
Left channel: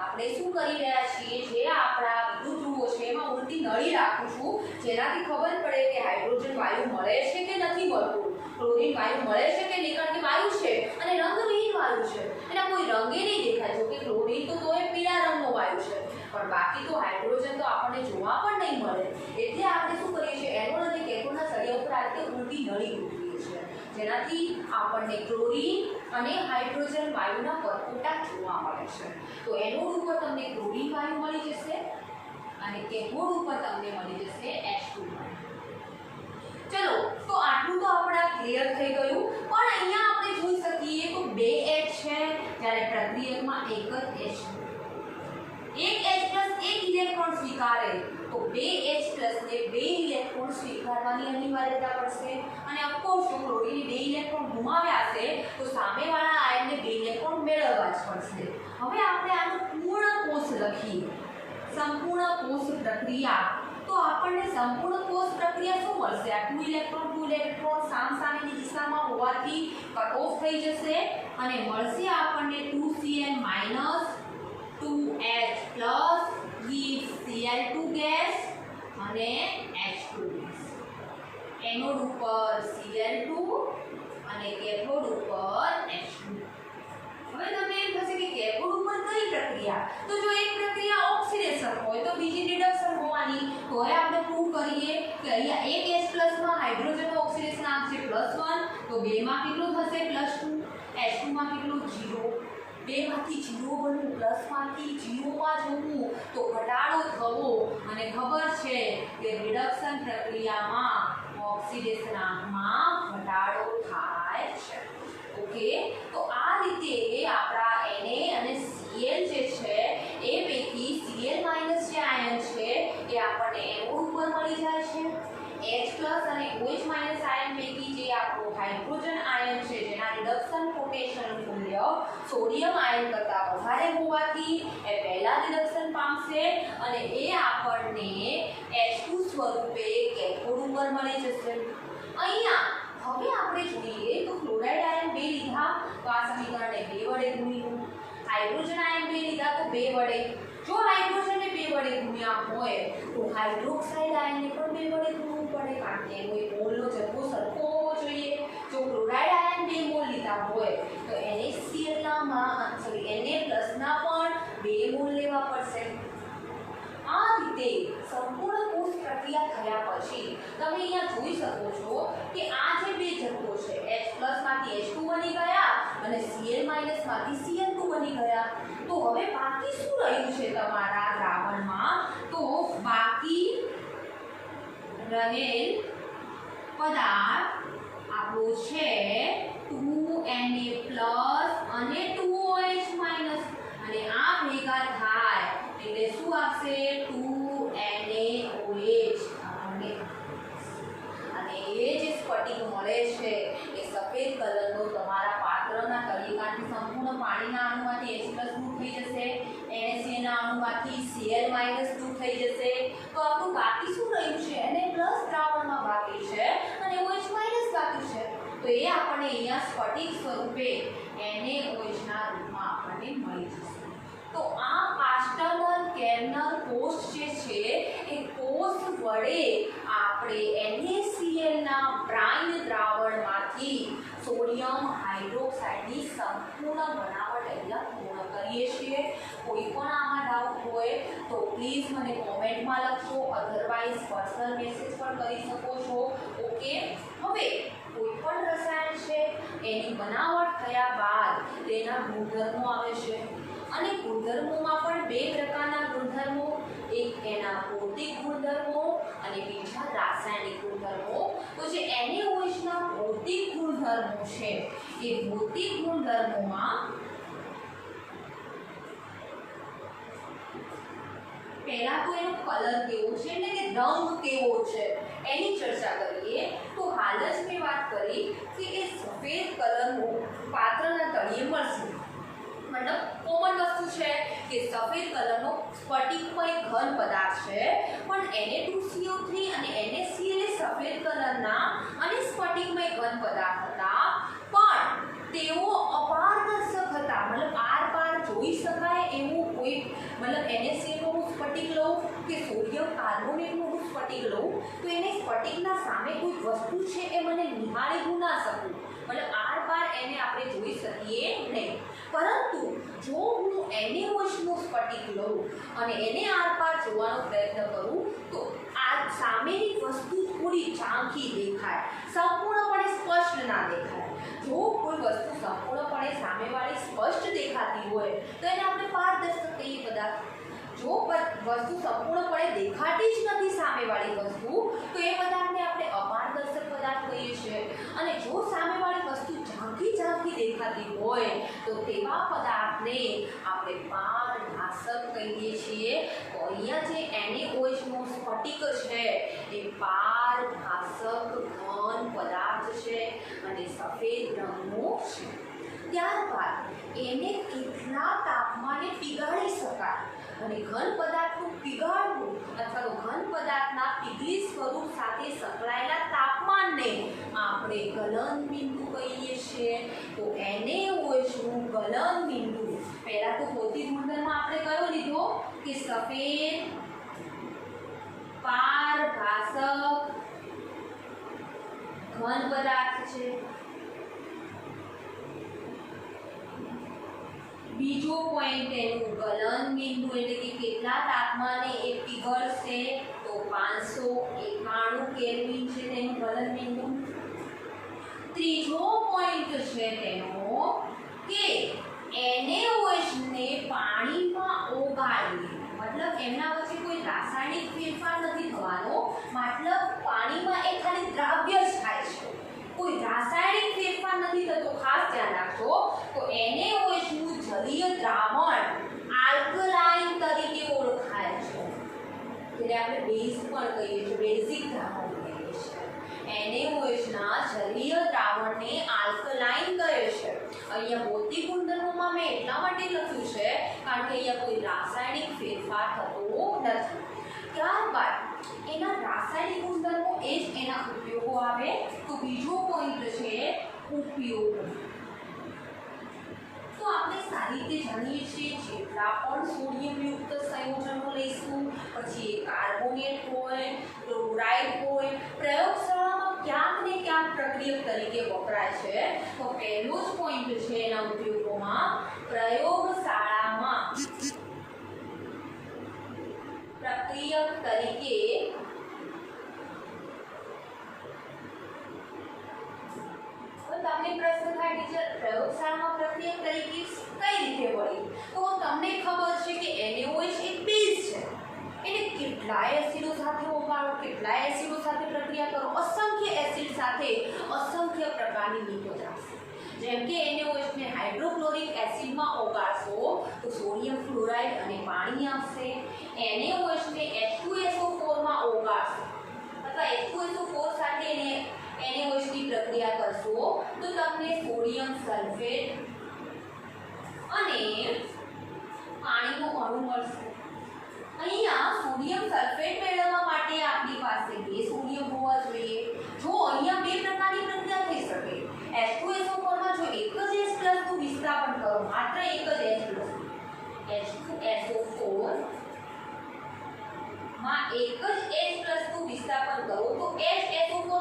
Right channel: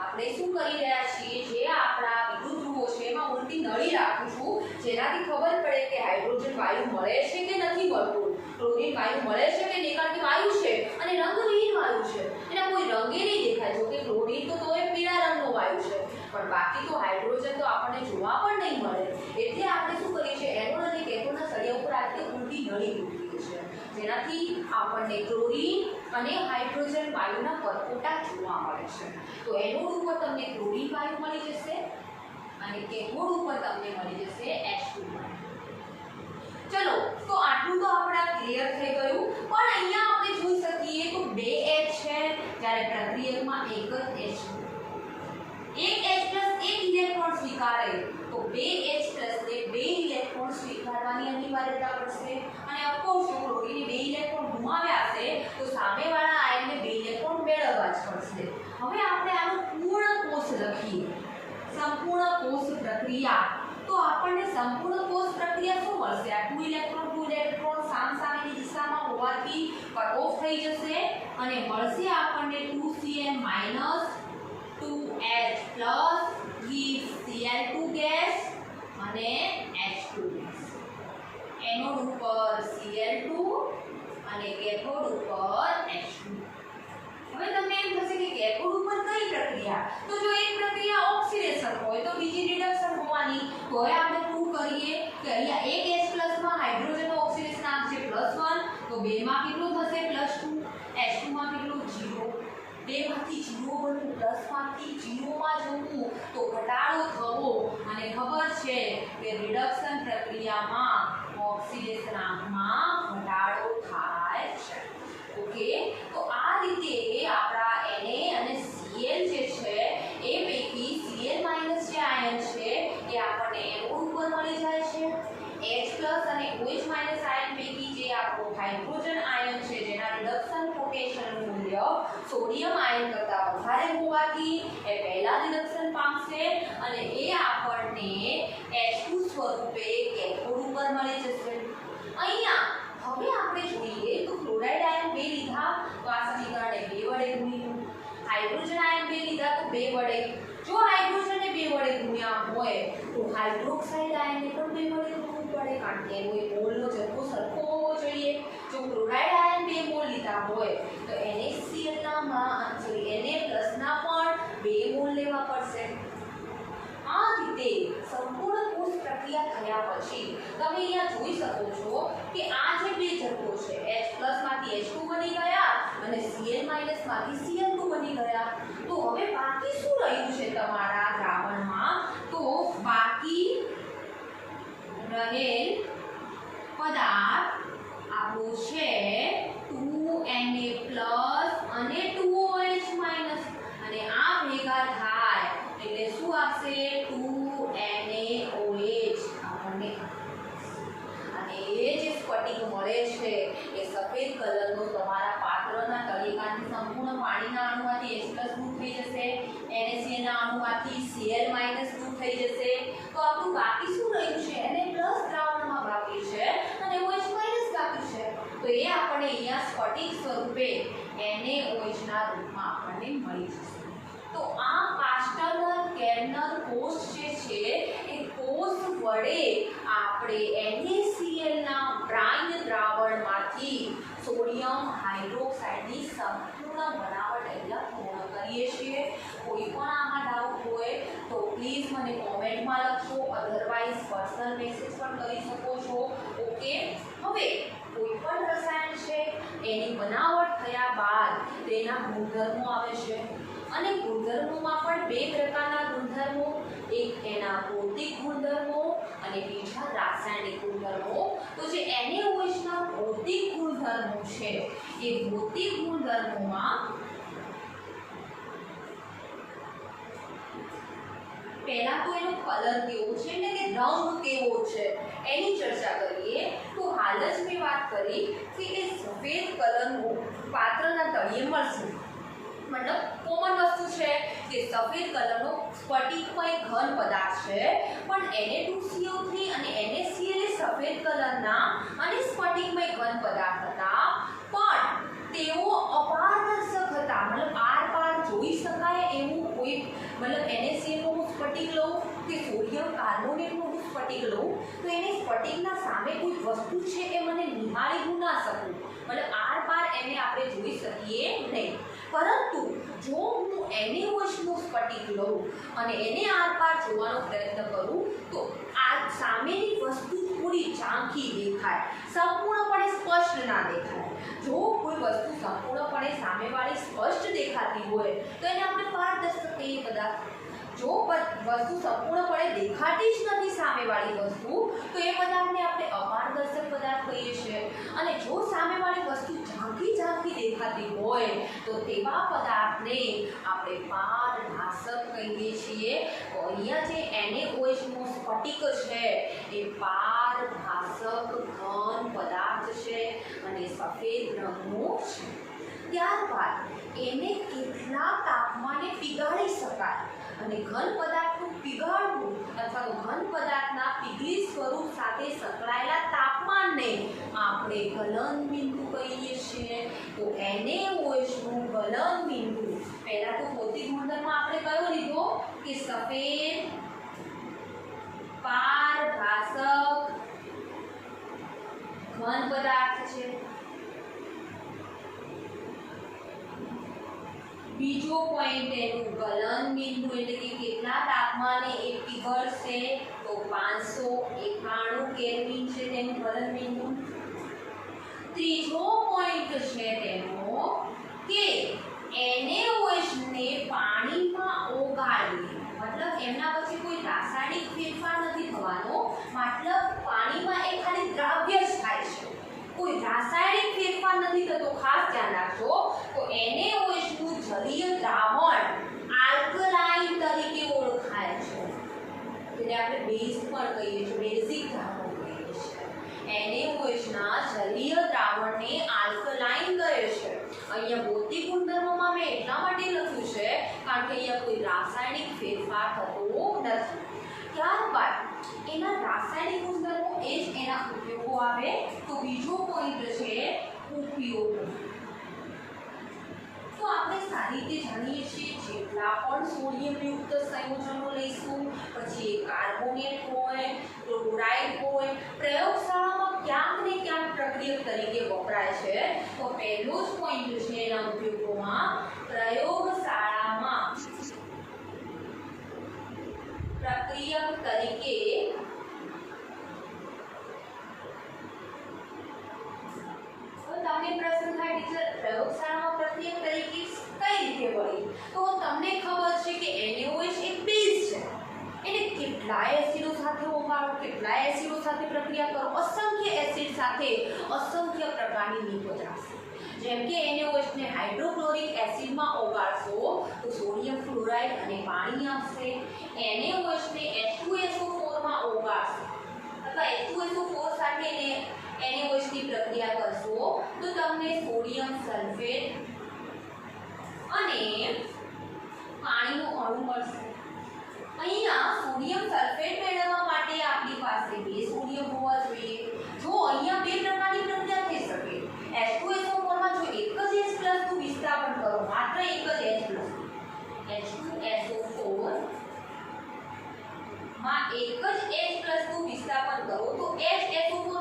આપણે શું કરી રહ્યા છીએ? જે આપણા વિદ્યુત ધ્રુવો છે એમાં ઉલટી નળી રાખું છું, જેનાથી ખબર પડે કે હાઇડ્રોજન વાયુ મળે છે કે નથી મળતું, ક્લોરીન વાયુ મળે છે કે નહીં, કારણ કે વાયુ છે અને રંગવિહીન વાયુ છે, એના કોઈ રંગે નહીં દેખાય। જો કે ક્લોરીન તો તોય પીળા રંગનો વાયુ છે, પણ બાકી તો હાઇડ્રોજન તો આપણને જોવા પણ નહીં મળે। એટલે આપણે શું કરીએ છીએ? એનોડ અને કેથોડના સળિયા ઉપર આ રીતે ઉલટી નળી મૂકીએ છીએ, જેનાથી આપણને ક્લોરીન અને હાઇડ્રોજન વાયુના પરપોટા જોવા મળે છે। તો એનોડ ઉપર તમને ક્લોરીન વાયુ મળી જશે અને કેથોડ ઉપર તમને મળી જશે H2 વાયુ। ચલો, તો આટલું તો આપણા ક્લિયર થઈ ગયું, પણ અહીંયા આપણે જોઈ શકીએ તો બે H છે, જ્યારે પ્રક્રિયકમાં એક જ H છે। એક H+ એક ઇલેક્ટ્રોન સ્વીકારે તો બે H+ ને બે ઇલેક્ટ્રોન સ્વીકારવાની અનિવાર્યતા પડશે, અને ઓફકોર્સ જો ક્લોરીન બે ઇલેક્ટ્રોન ગુમાવ્યા છે તો સામેવાળા આયનને બે ઇલેક્ટ્રોન મેળવવા જ પડશે। હવે આપણે આનો પૂર્ણ કોષ લખીએ, સંપૂર્ણ કોષ પ્રક્રિયા। તો આપણને સંપૂર્ણ કોષ પ્રક્રિયા શું મળશે? આ 2 ઇલેક્ટ્રોન સામસામેની દિશામાં હોવાથી કટ ઓફ થઈ જશે અને મળશે આપણને 2Cl- 2H+ with Cl2 gas અને H2 ગેસ। એનોડ ઉપર Cl2 અને કેથોડ ઉપર H2। હવે તમને એમ થશે કે કેથોડ ઉપર કઈ પ્રક્રિયા? તો જો એક પ્રક્રિયા ઓક્સિડેશન હોય તો બીજી રિડક્શન હોવાની, તો આપણે પ્રૂવ કરીએ કે અહીંયા એક H+ માં હાઇડ્રોજનનો ઓક્સિડેશન આંક છે +1, તો 2 માં કેટલું થશે? +2, H2 માં કેટલું? 0। 2 માંથી 0 બનવું, પ્લસ માંથી 0 માં જવું તો ઘટાડો થવો, અને ખબર છે કે રિડક્શન પ્રક્રિયામાં ઓક્સિડેશન આંકમાં ઘટાડો થાય છે। ઓકે, તો આ રીતે આપણા Na અને Cl જે છે એ પૈકી Cl- જે આયન છે એ આપણને એનોડ ઉપર મળી જાય છે। H+ અને OH- આયન પૈકી જે આપણો હાઇડ્રોજન આયન છે જેના રિડક્શન પોટેન્શિયલ મૂલ્ય સોડિયમ આયન કરતાં વધારે હોવાથી એ પહેલા રિડક્શન પામશે અને એ આપણને H2 સ્વરૂપે કેથોડ ઉપર મળી જશે. અહીંયા હવે આપણે જોઈએ તો ક્લોરાઇડ આયન 2 લીધા તો આ સમીકરણને 2 વડે ગુણીશું. હાઇડ્રોજન આયન 2 લીધા તો 2 વડે. જો હાઇડ્રોજનને 2 વડે ગુણ્યા હોય તો હાઇડ્રોક્સાઇડ આયનને પણ 2 વડે ગુણવું પડે કારણ કે એનો મોલનો જથ્થો સરખો હોવો જોઈએ. જો ક્લોરાઇડ આયન 2 મોલ લીધા હોય તો NaCl ના Na+ ના પણ 2 મોલ લેવા પડશે. આ રીતે સંપૂર્ણ કોષ પ્રક્રિયા થયા પછી તમે અહીંયા જોઈ શકો છો કે આ જે બે જથ્થો છે H+ માંથી H2 બની ગયા અને Cl- માંથી Cl2 બની ગયા. તો હવે બાકી શું રહ્યું છે તમારા દ્રાવણમાં? તો બાકી રહેલ પદાર્થ આપણો છે 2Na+ અને 2OH- અને આ ભેગા થાય એટલે શું આપશે? 2NaOH આપણને. અને એ જે સ્ફટિક મળે છે એ સફેદ કલરનો તમારા પાત્રના તળિયેકાંઠે સંપૂર્ણ પાણીના અણુમાંથી H+ દૂર થઈ જશે, NaCl ના અણુમાંથી Cl- દૂર થઈ જશે. તો આપણું બાકી શું રહ્યું છે? Na+ દ્રાવણમાં બાકી છે અને OH- બાકી છે. તો એ આપણને અહીંયા સ્ફટિક સ્વરૂપે NaOH ના રૂપમાં આપણને મળી જશે. તો આ પાસ્ટર્નર કેર્નર કોષ જે છે એ કોષ વડે આપણે NaCl ના બ્રાઇન દ્રાવણમાંથી સોડિયમ હાઇડ્રોક્સાઇડની સંપૂર્ણ બનાવટ અહીંયા પૂર્ણ કરીએ છીએ. કોઈ પણ આમાં ડાઉટ હોય તો પ્લીઝ મને કોમેન્ટમાં લખજો, અધરવાઇઝ પર્સનલ મેસેજ પણ કરી શકો છો. ઓકે. હવે કોઈ પણ રસાયણ છે એની બનાવટ થયા બાદ તેના ગુણધર્મો આવે છે અને ગુણધર્મોમાં પણ બે પ્રકારના ગુણધર્મો, એક એના ભૌતિક ગુણધર્મો અને બીજા રાસાયણિક ગુણધર્મો. તો જે NaOH ના ભૌતિક ગુણધર્મો છે એ ભૌતિક ગુણધર્મોમાં પહેલા તો એનો કલર કેવો છે એટલે કે રંગ કેવો છે એની ચર્ચા કરીએ. તો હાલ જ મેં વાત કરી કે એ સફેદ કલરનો પાત્રના તળિયે મળશે. મતલબ કોમન વસ્તુ છે કે સફેદ કલરનો સ્ફટિકમય ઘન પદાર્થ છે પણ Na2CO3 અને NaCl એ સફેદ કલરના અને સ્ફટિકમય ઘન પદાર્થ હતા પણ તેઓ અપારદર્શક હતા. મતલબ આર પાર જોઈ શકાય એવું કોઈ મતલબ NaCl નું સ્ફટિક લઉં કે સોડિયમ કાર્બોનેટનું સ્ફટિક લઉં તો એને સ્ફટિકના સામે કોઈ વસ્તુ છે એ મને નિહાળી ના શકું. મતલબ આર પાર એને આપણે જોઈ શકીએ નહીં. પરંતુ જો હું NaOH નું સ્ફટિક લઉં અને એને આર પાર જોવાનો પ્રયત્ન કરું તો આ સામેની વસ્તુ પૂરી ઝાંખી દેખાય, સંપૂર્ણપણે સ્પષ્ટ ના દેખાય. જો કોઈ વસ્તુ સંપૂર્ણપણે સામેવાળી સ્પષ્ટ દેખાતી હોય તો એને આપણે પારદર્શક કહીએ પદાર્થ. જો વસ્તુ સંપૂર્ણપણે દેખાતી જ નથી સામેવાળી વસ્તુ તો એ પદાર્થને આપણે અપારદર્શક પદાર્થ કહીએ છીએ. અને જો સામેવાળી વસ્તુ ઝાંખી દેખાતી હોય તો તેવા પદાર્થને આપણે પારભાસક કહીએ છીએ. તો અહીંયા જે NaOH નો સ્ફટિક છે એ પારભાસક ઘન પદાર્થ છે અને સફેદ રંગનો છે. ત્યારબાદ એને કેટલા તાપમાને પીગાળી શકાય અને ઘન પદાર્થનું પીગાળવું અથવા તો ઘન પદાર્થના પીગળી સ્વરૂપ સાથે સંકળાયેલા તાપમાનને આપણે ગલન બિંદુ કહીએ છીએ. તો NaOH નું ગલન બિંદુ પહેલા તો ભૌતિક ગુણધર્મ આપણે કયો લીધો કે સફેદ પારભાસક ઘન પદાર્થ છે. બીજો પોઈન્ટ એનું ગલન બિંદુ એટલે કે કેટલા તાપમાને એ પીગળશે તો 591 કેલ્વિન છે તેનું ગલન બિંદુ. ત્રીજો પોઈન્ટ છે તેનો કે NaOH ને પાણીમાં ઓગાળવી, મતલબ એમના પછી કોઈ રાસાયણિક ફેરફાર નથી થવાનો, મતલબ પાણીમાં એ ખાલી દ્રાવ્ય જ થાય છે, કોઈ રાસાયણિક ફેરફાર નથી થતો. ખાસ ધ્યાન રાખજો. તો NaOH નું જલીય દ્રાવણ આલ્કલાઇન તરીકે ઓળખાય છે. એટલે આપણે બેઝ પણ કહીએ છીએ, બેઝિક દ્રાવણ કહીએ છીએ. NaOH ના જલીય દ્રાવણને આલ્કલાઇન કહે છે। અહીંયા ભૌતિક ગુણધર્મોમાં મેં એટલા માટે લખ્યું છે કારણ કે અહીંયા કોઈ રાસાયણિક ફેરફાર થતો નથી। ત્યારબાદ એના રાસાયણિક ગુણધર્મો એ જ એના ઉપયોગો આવે। તો બીજો પોઈન્ટ છે ઉપયોગ। તો આપણે સારી રીતે જાણીએ છીએ જેટલા પણ સોડિયમ યુક્ત સંયોજનો લઈશું, પછી એ કાર્બોનેટ હોય, ક્લોરાઇડ હોય, પ્રયોગશાળામાં ક્યાંક ને ક્યાંક પ્રક્રિયક તરીકે વપરાય છે। તો પહેલો જ પોઈન્ટ છે એના ઉપયોગોમાં પ્રયોગશાળામાં પ્રક્રિયક તરીકે તમને પ્રશ્ન થાય ટીચર પ્રયોગશાળામાં પ્રક્રિયા તરીકે કઈ રીતે વળી? તો તમને ખબર છે કે NaOH એક બેઝ છે, એને કેટલાય એસિડો સાથે ઓગાળો, કેટલાય એસિડો સાથે પ્રક્રિયા કરો, અસંખ્ય એસિડ સાથે અસંખ્ય પ્રકારની નિકોતિન, જેમ કે NaOH ને હાઇડ્રોક્લોરિક એસિડમાં ઓગાળશો તો સોડિયમ ક્લોરાઇડ અને પાણી આવશે। NaOH ને H2SO4 માં ઓગાળશો અથવા H2SO4 સાથે એને NaOH ની પ્રક્રિયા કરશો તો તમને સોડિયમ સલ્ફેટ અને પાણીનો અણુ મળશે। અહીંયા સોડિયમ સલ્ફેટ મેળવવા માટે આપણી પાસે 2 સોડિયમ હોવા જોઈએ। જો અહીંયા 2 પ્રકારની પ્રક્રિયા થઈ શકે। H2SO4 માં જો એક જ H+ નું વિસ્થાપન કરો, માત્ર એક જ H2SO4 માં એક જ H+ નું વિસ્થાપન કરો તો HSO4-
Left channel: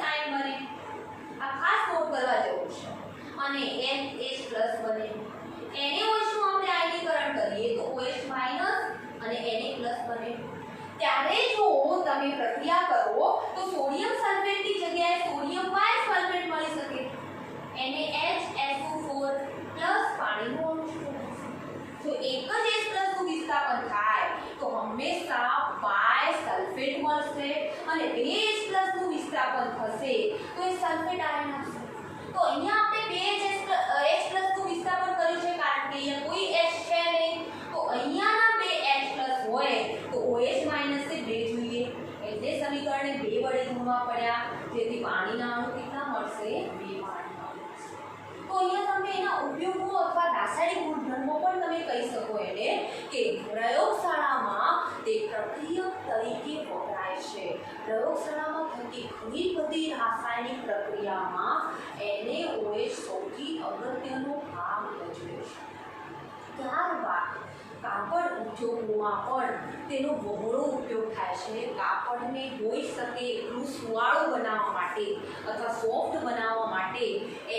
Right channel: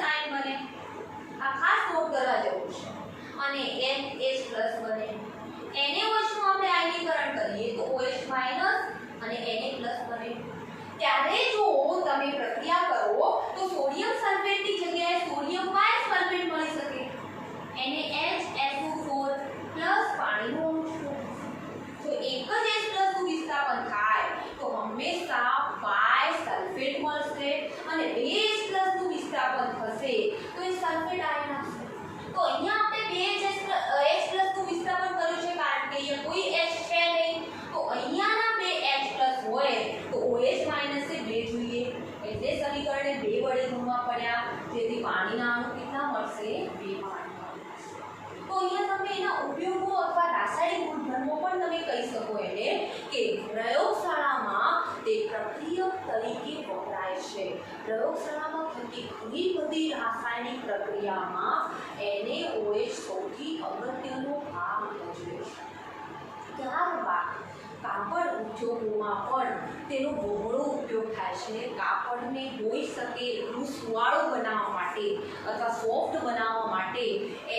આયન બને। આ ખાસ નોટ કરવા જેવું છે। અને NH+ બને। NaOH નું આપણે આયનીકરણ કરીએ તો OH- અને Na+ બને। ત્યારે જો તમે પ્રક્રિયા કરો તો સોડિયમ સલ્ફેટની જગ્યાએ સોડિયમ બાયસલ્ફેટ મળી શકે। NaHSO4 પાણીનો અણુ જો એક જ H+ નું વિસ્થાપન થાય તો હંમેશા બાયસલ્ફેટ મળશે અને 2 H+ નું વિસ્થાપન થશે તો એ સલ્ફેટ આયન આવશે। તો અહીંયા આપણે 2 H+ નું વિસ્થાપન કર્યું છે કારણ કે અહીંયા કોઈ H છે નહીં, તો અહીંયાના 2 H+ હોય તો OH- એ 2 જોઈએ, એટલે સમીકરણને 2 વડે ગુણવા પડ્યા, જેથી પાણીના અણુ કેટલા મળશે? 2 પાણી। તો અહીંયા તમે એના ઉપયોગો અથવા રાસાયણિક ગુણધર્મો પણ તમે કહી શકો એને કે પ્રયોગશાળામાં તે પ્રક્રિયક તરીકે વપરાય છે। પ્રયોગશાળામાં થતી ઘણી બધી રાસાયણિક પ્રક્રિયામાં NaOH સૌથી અગત્યનો ભાગ ભજવે છે। ત્યારબાદ કાપડ ઉદ્યોગોમાં પણ તેનો બહોળો ઉપયોગ થાય છે। કાપડને હોઈ શકે એટલું સુવાળું બનાવવા માટે અથવા સોફ્ટ બનાવવા માટે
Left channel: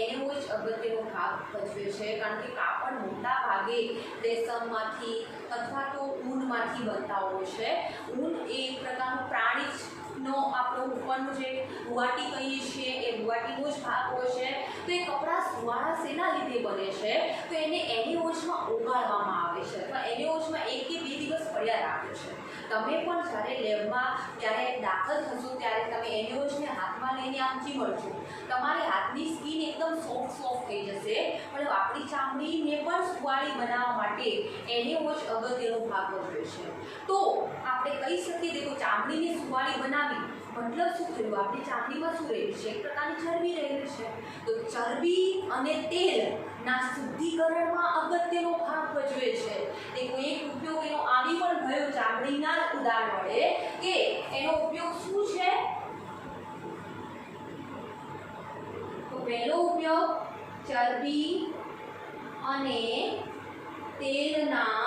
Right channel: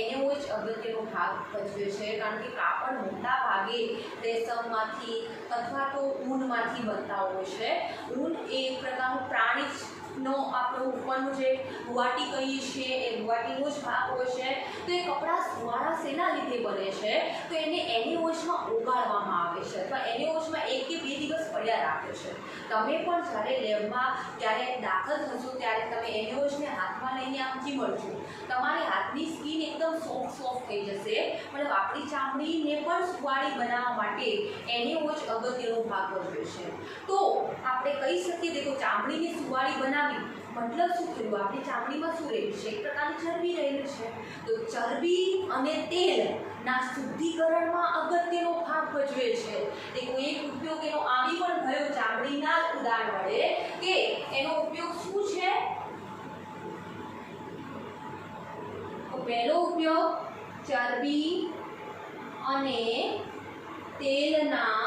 NaOH અગત્યનો ભાગ ભજવે છે, કારણ કે કાપડ મોટા ભાગે રેશમમાંથી અથવા તો ઊનમાંથી બનતા હોય છે। ઊન એ એક પ્રકારનું પ્રાણીનો આપણો ઉપરનો જે રૂવાટી કહીએ છીએ એ રૂવાટીનો જ ભાગ હોય છે। તો એ કપડાં સુવાળા શેના લીધે બને છે? તો એને NaOH-માં ઓગાળવામાં આવે છે અથવા NaOH-માં 1 કે 2 દિવસ પડ્યા રાખે છે। તમે પણ જ્યારે લેબમાં ત્યારે દાખલ થશો ત્યારે તમે NaOH-ને હાથમાં લઈને આમ ચીમડશો, તમારી હાથની સ્કિન એકદમ સોફ્ટ થઈ જશે। મતલબ આપણી ચામડીને પણ સુવાળી બનાવવા માટે NaOH અગત્યનો ભાગ ભજવે છે। તો આપણે કહી શકીએ દેખો ચામડીને સુવાળી બનાવી મતલબ શું થયું? આપણી ચામડીમાં શું રહેલું છે? એક પ્રકારની ચરબી રહેલી છે। તો ચરબી અને તેલના શુદ્ધિકરણમાં અગત્યનો ભાગ ભજવે છે। એ કોઈ એક ઉપયોગ એનો આવી પણ ગયો ચામડીના ઉદાહરણ વડે કે એનો ઉપયોગ શું છે? તો પહેલો ઉપયોગ ચરબી અને તેલના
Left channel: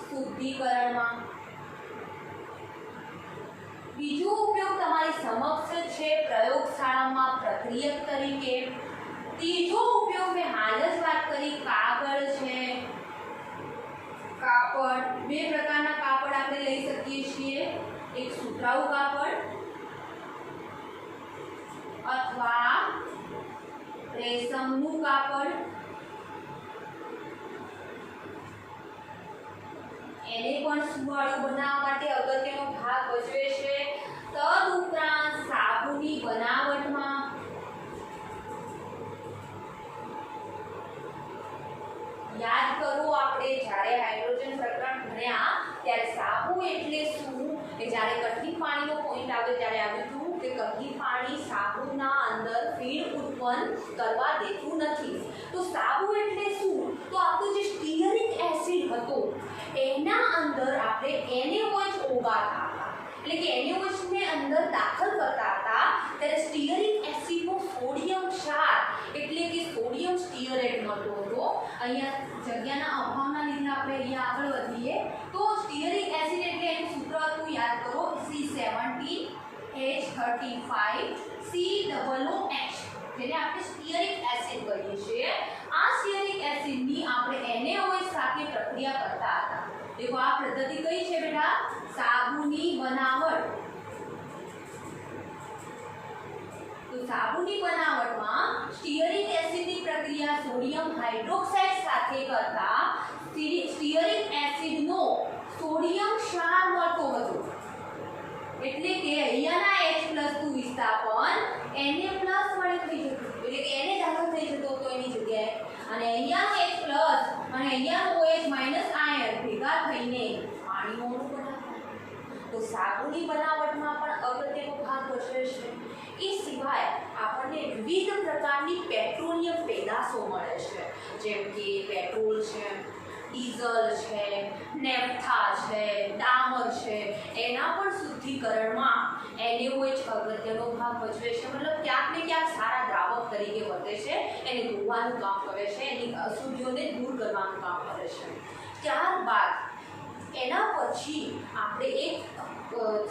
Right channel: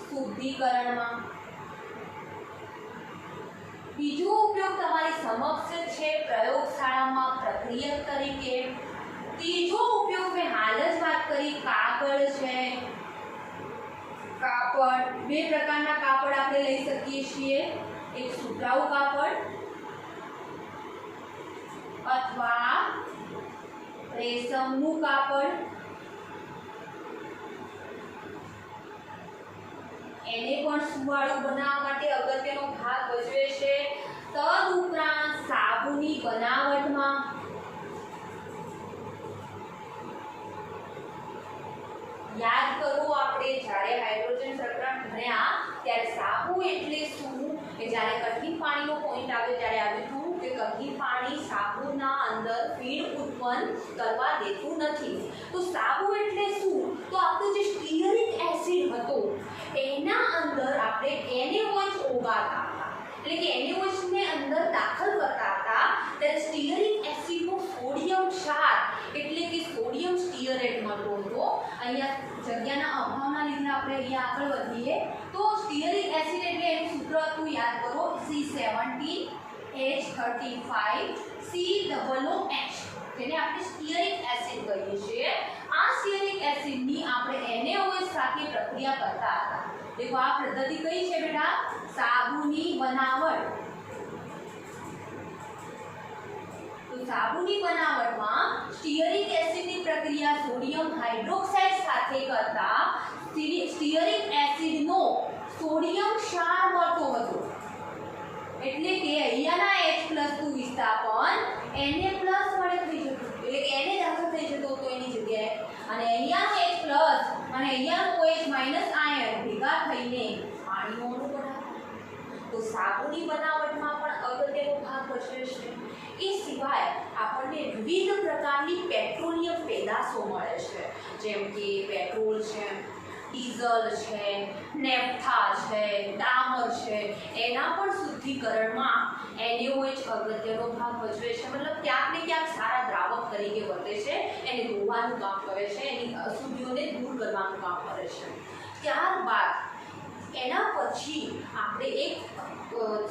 શુદ્ધિકરણમાં। બીજો ઉપયોગ તમારી સમક્ષ છે પ્રયોગશાળામાં પ્રક્રિયક તરીકે। ત્રીજો ઉપયોગ મેં હાલ જ વાત કરી કાગળ છે। કાપડ 2 પ્રકારના કાપડ આપણે લઈ શકીએ છીએ, એક સુતરાઉ કાપડ અથવા રેશમનું કાપડ। એને પણ સુવાળું બનાવવા માટે અગત્યનો ભાગ ભજવે છે। તદુપરાંત સાબુની બનાવટમાં યાદ કરો આપણે જ્યારે હાઇડ્રોજન પ્રકરણ ભણ્યા ત્યારે સાબુ એટલે શું? કે જ્યારે કઠિન પાણીનો પોઈન્ટ આવ્યો ત્યારે આવ્યું હતું કે કે કहीं પાણી સાબુના અંદર ફીણ ઉત્પન્ન કરવા દેતું નથી. તો સાબુ એટલે શું? તો આપણું જે સ્ટીઅરિક એસિડ હતો એના અંદર આપણે NaOH ઓગાળતા હતા, એટલે કે NaOH ને અંદર દાખલ કરતા હતા ત્યારે સ્ટીઅરિક એસિડનો સોડિયમ ક્ષાર એટલે કે સોડિયમ સ્ટીઅરેટ મળતો હતો. અહીંયા જગ્યાના અભાવના લીધે આપણે અહીંયા આગળ વધીએ તો સ્ટીઅરિક એસિડ એટલે એનું સૂત્ર હતું, યાદ કરો, C17H35COOH, જેને આપણે સ્ટીઅરિક એસિડ કહીએ છીએ. આ સ્ટીઅરિક એસિડની આપણે NaOH સાથે પ્રક્રિયા કરતા હતા. देखो આ પદ્ધતિ કઈ છે બેટા? સાબુની બનાવટ. તો સાબુની બનાવટમાં સ્ટીઅરિક એસિડની પ્રક્રિયા સોડિયમ હાઇડ્રોક્સાઇડ સાથે કરતા સ્ટીઅરિક એસિડનો સોડિયમ ક્ષાર મળતો હતો, એટલે કે અહીંયાના H+ નું વિસ્થાપન Na+ વડે થઈ જતું, એટલે કે Na દાખલ થઈ જતો હતો એની જગ્યાએ, અને અહીંયાનો H+ અને અહીંયાનો OH- આયન ભેગા થઈને પાણીઓનું બનાવતા. તો સાબુની બનાવટમાં પણ અગત્યનો ભાગ ભજવે છે. એ સિવાય આપણને વિવિધ પ્રકારની પેટ્રોલિયમ પેદાશો મળે છે, જેમ કે પેટ્રોલ છે, ડીઝલ છે, નેફ્થા છે, ડામર છે. એના પણ શુદ્ધિકરણમાં NaOH અગત્યનો ભાગ ભજવે છે. મતલબ ક્યાંક ને ક્યાંક સારા દ્રાવક તરીકે વર્તે છે, એને ધોવાનું કામ કરે છે, એની અશુદ્ધિઓને દૂર કરવાનું કામ કરે છે. ત્યારબાદ એના પછી આપણે એક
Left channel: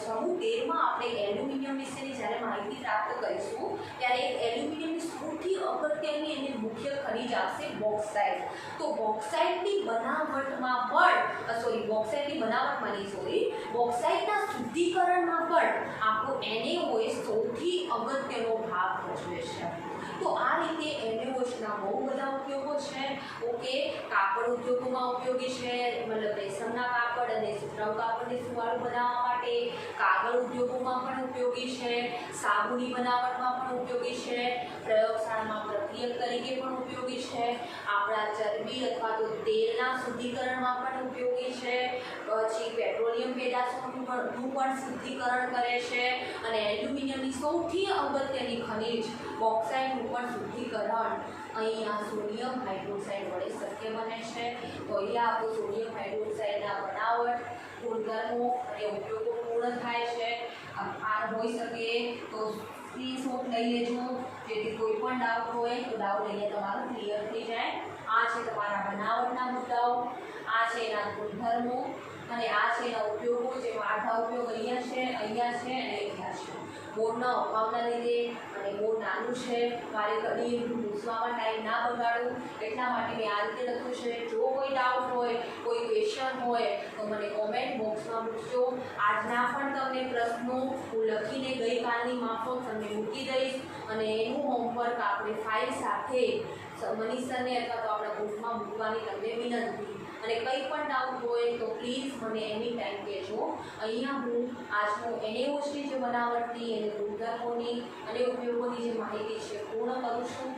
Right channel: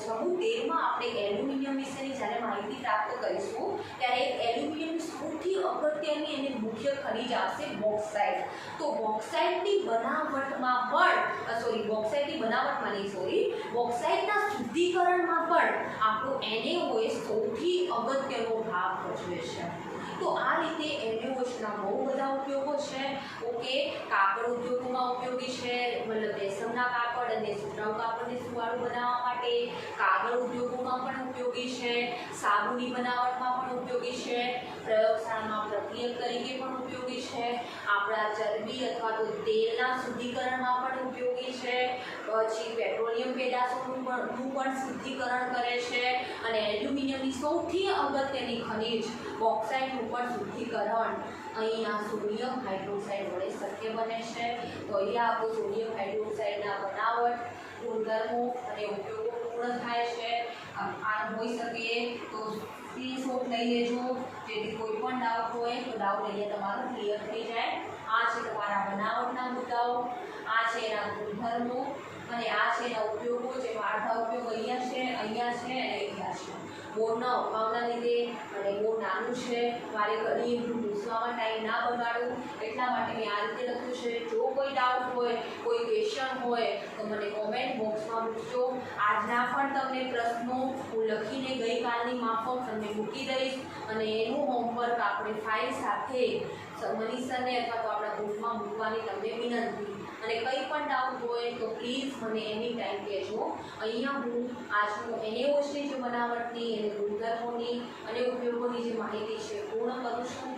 સમૂહ 13 માં આપણે એલ્યુમિનિયમ વિશેની જ્યારે માહિતી પ્રાપ્ત કરીશું ત્યારે એક એલ્યુમિનિયમની સૌથી અગત્યની અને મુખ્ય ખનિજ આવશે બોક્સાઇટ. તો બોક્સાઇટની બનાવટમાં પણ બોક્સાઇટના શુદ્ધિકરણમાં પણ આપણું NaOH સૌથી અગત્યનો ભાગ ભજવે છે. તો આ રીતે NaOHના બહુ બધા ઉપયોગો છે. ઓકે, કાપડ ઉદ્યોગોમાં ઉપયોગી છે, મતલબ રેશમના કાપડ અને સુતરાઉ કાપડને સુવાળું બનાવવા માટે. કાગળ ઉદ્યોગોમાં પણ ઉપયોગી છે, સાબુની બનાવટમાં પણ ઉપયોગી છે, પ્રયોગશાળામાં પ્રક્રિયક તરીકે પણ ઉપયોગી છે, આપણા ચરબી અથવા તો તેલના શુદ્ધિકરણમાં પણ ઉપયોગી છે, પછી પેટ્રોલિયમ પેદાશોનું પણ શુદ્ધિકરણ કરે છે, અને એલ્યુમિનિયમની સૌથી અગત્યની ખનિજ બોક્સાઇટનું પણ શુદ્ધિકરણ અહીંયા સોડિયમ હાઇડ્રોક્સાઇડ વડે શક્ય બને છે. તો અહીંયા આપણું સોડિયમ હાઇડ્રોક્સાઇડના બનાવટ, ગુણધર્મો અને ઉપયોગો પૂર્ણ થાય છે. આ હોઈ શકે તો સ્ક્રીનશોટ લઈ લેજો, જેથી કોઈ પણ ડાઉટ હોય તો ડાઉટ અહીંયા તમારો ક્લિયર થઈ જાય. આ છે તમારા બનાવટના મુદ્દાઓ, આ છે એના ગુણધર્મો, અને આ છે એના ઉપયોગો, જેનો આઠા ઉપયોગ અહીંયા છે અને અહીંયા છે. બોર્ડના અભાવના લીધે અને બોર્ડ નાનું છે, મારે ઘણી પૂછવામાં ટાઈમ ના બગાડું એટલા માટે મેં આ રીતે લખ્યું છે. જો કોઈ ડાઉટ હોય, કોઈ ક્વેશ્ચન હોય તો મને કોમેન્ટ બોક્સમાં મૂકજો. આજના પણ તમને પ્રશ્નો હું લખીને ગઈકાલની માફક તમને મૂકી દઈશ, અને એનું હોમવર્ક આપણે ફાઇલ સાથે મનીષાને અથવા તો આપણા ગ્રુપમાં મૂકવાની તમને વિનંતી. અને કંઈ પણ ડાઉટ હોય તો પ્લીઝ મને એની ટાઈમ કહેજો. અહીંયા હું આજનું NaOHની જે બનાવટની અને ગુણધર્મોની અને ઉપયોગોની જે માહિતી છે પૂર્ણ કરું છું.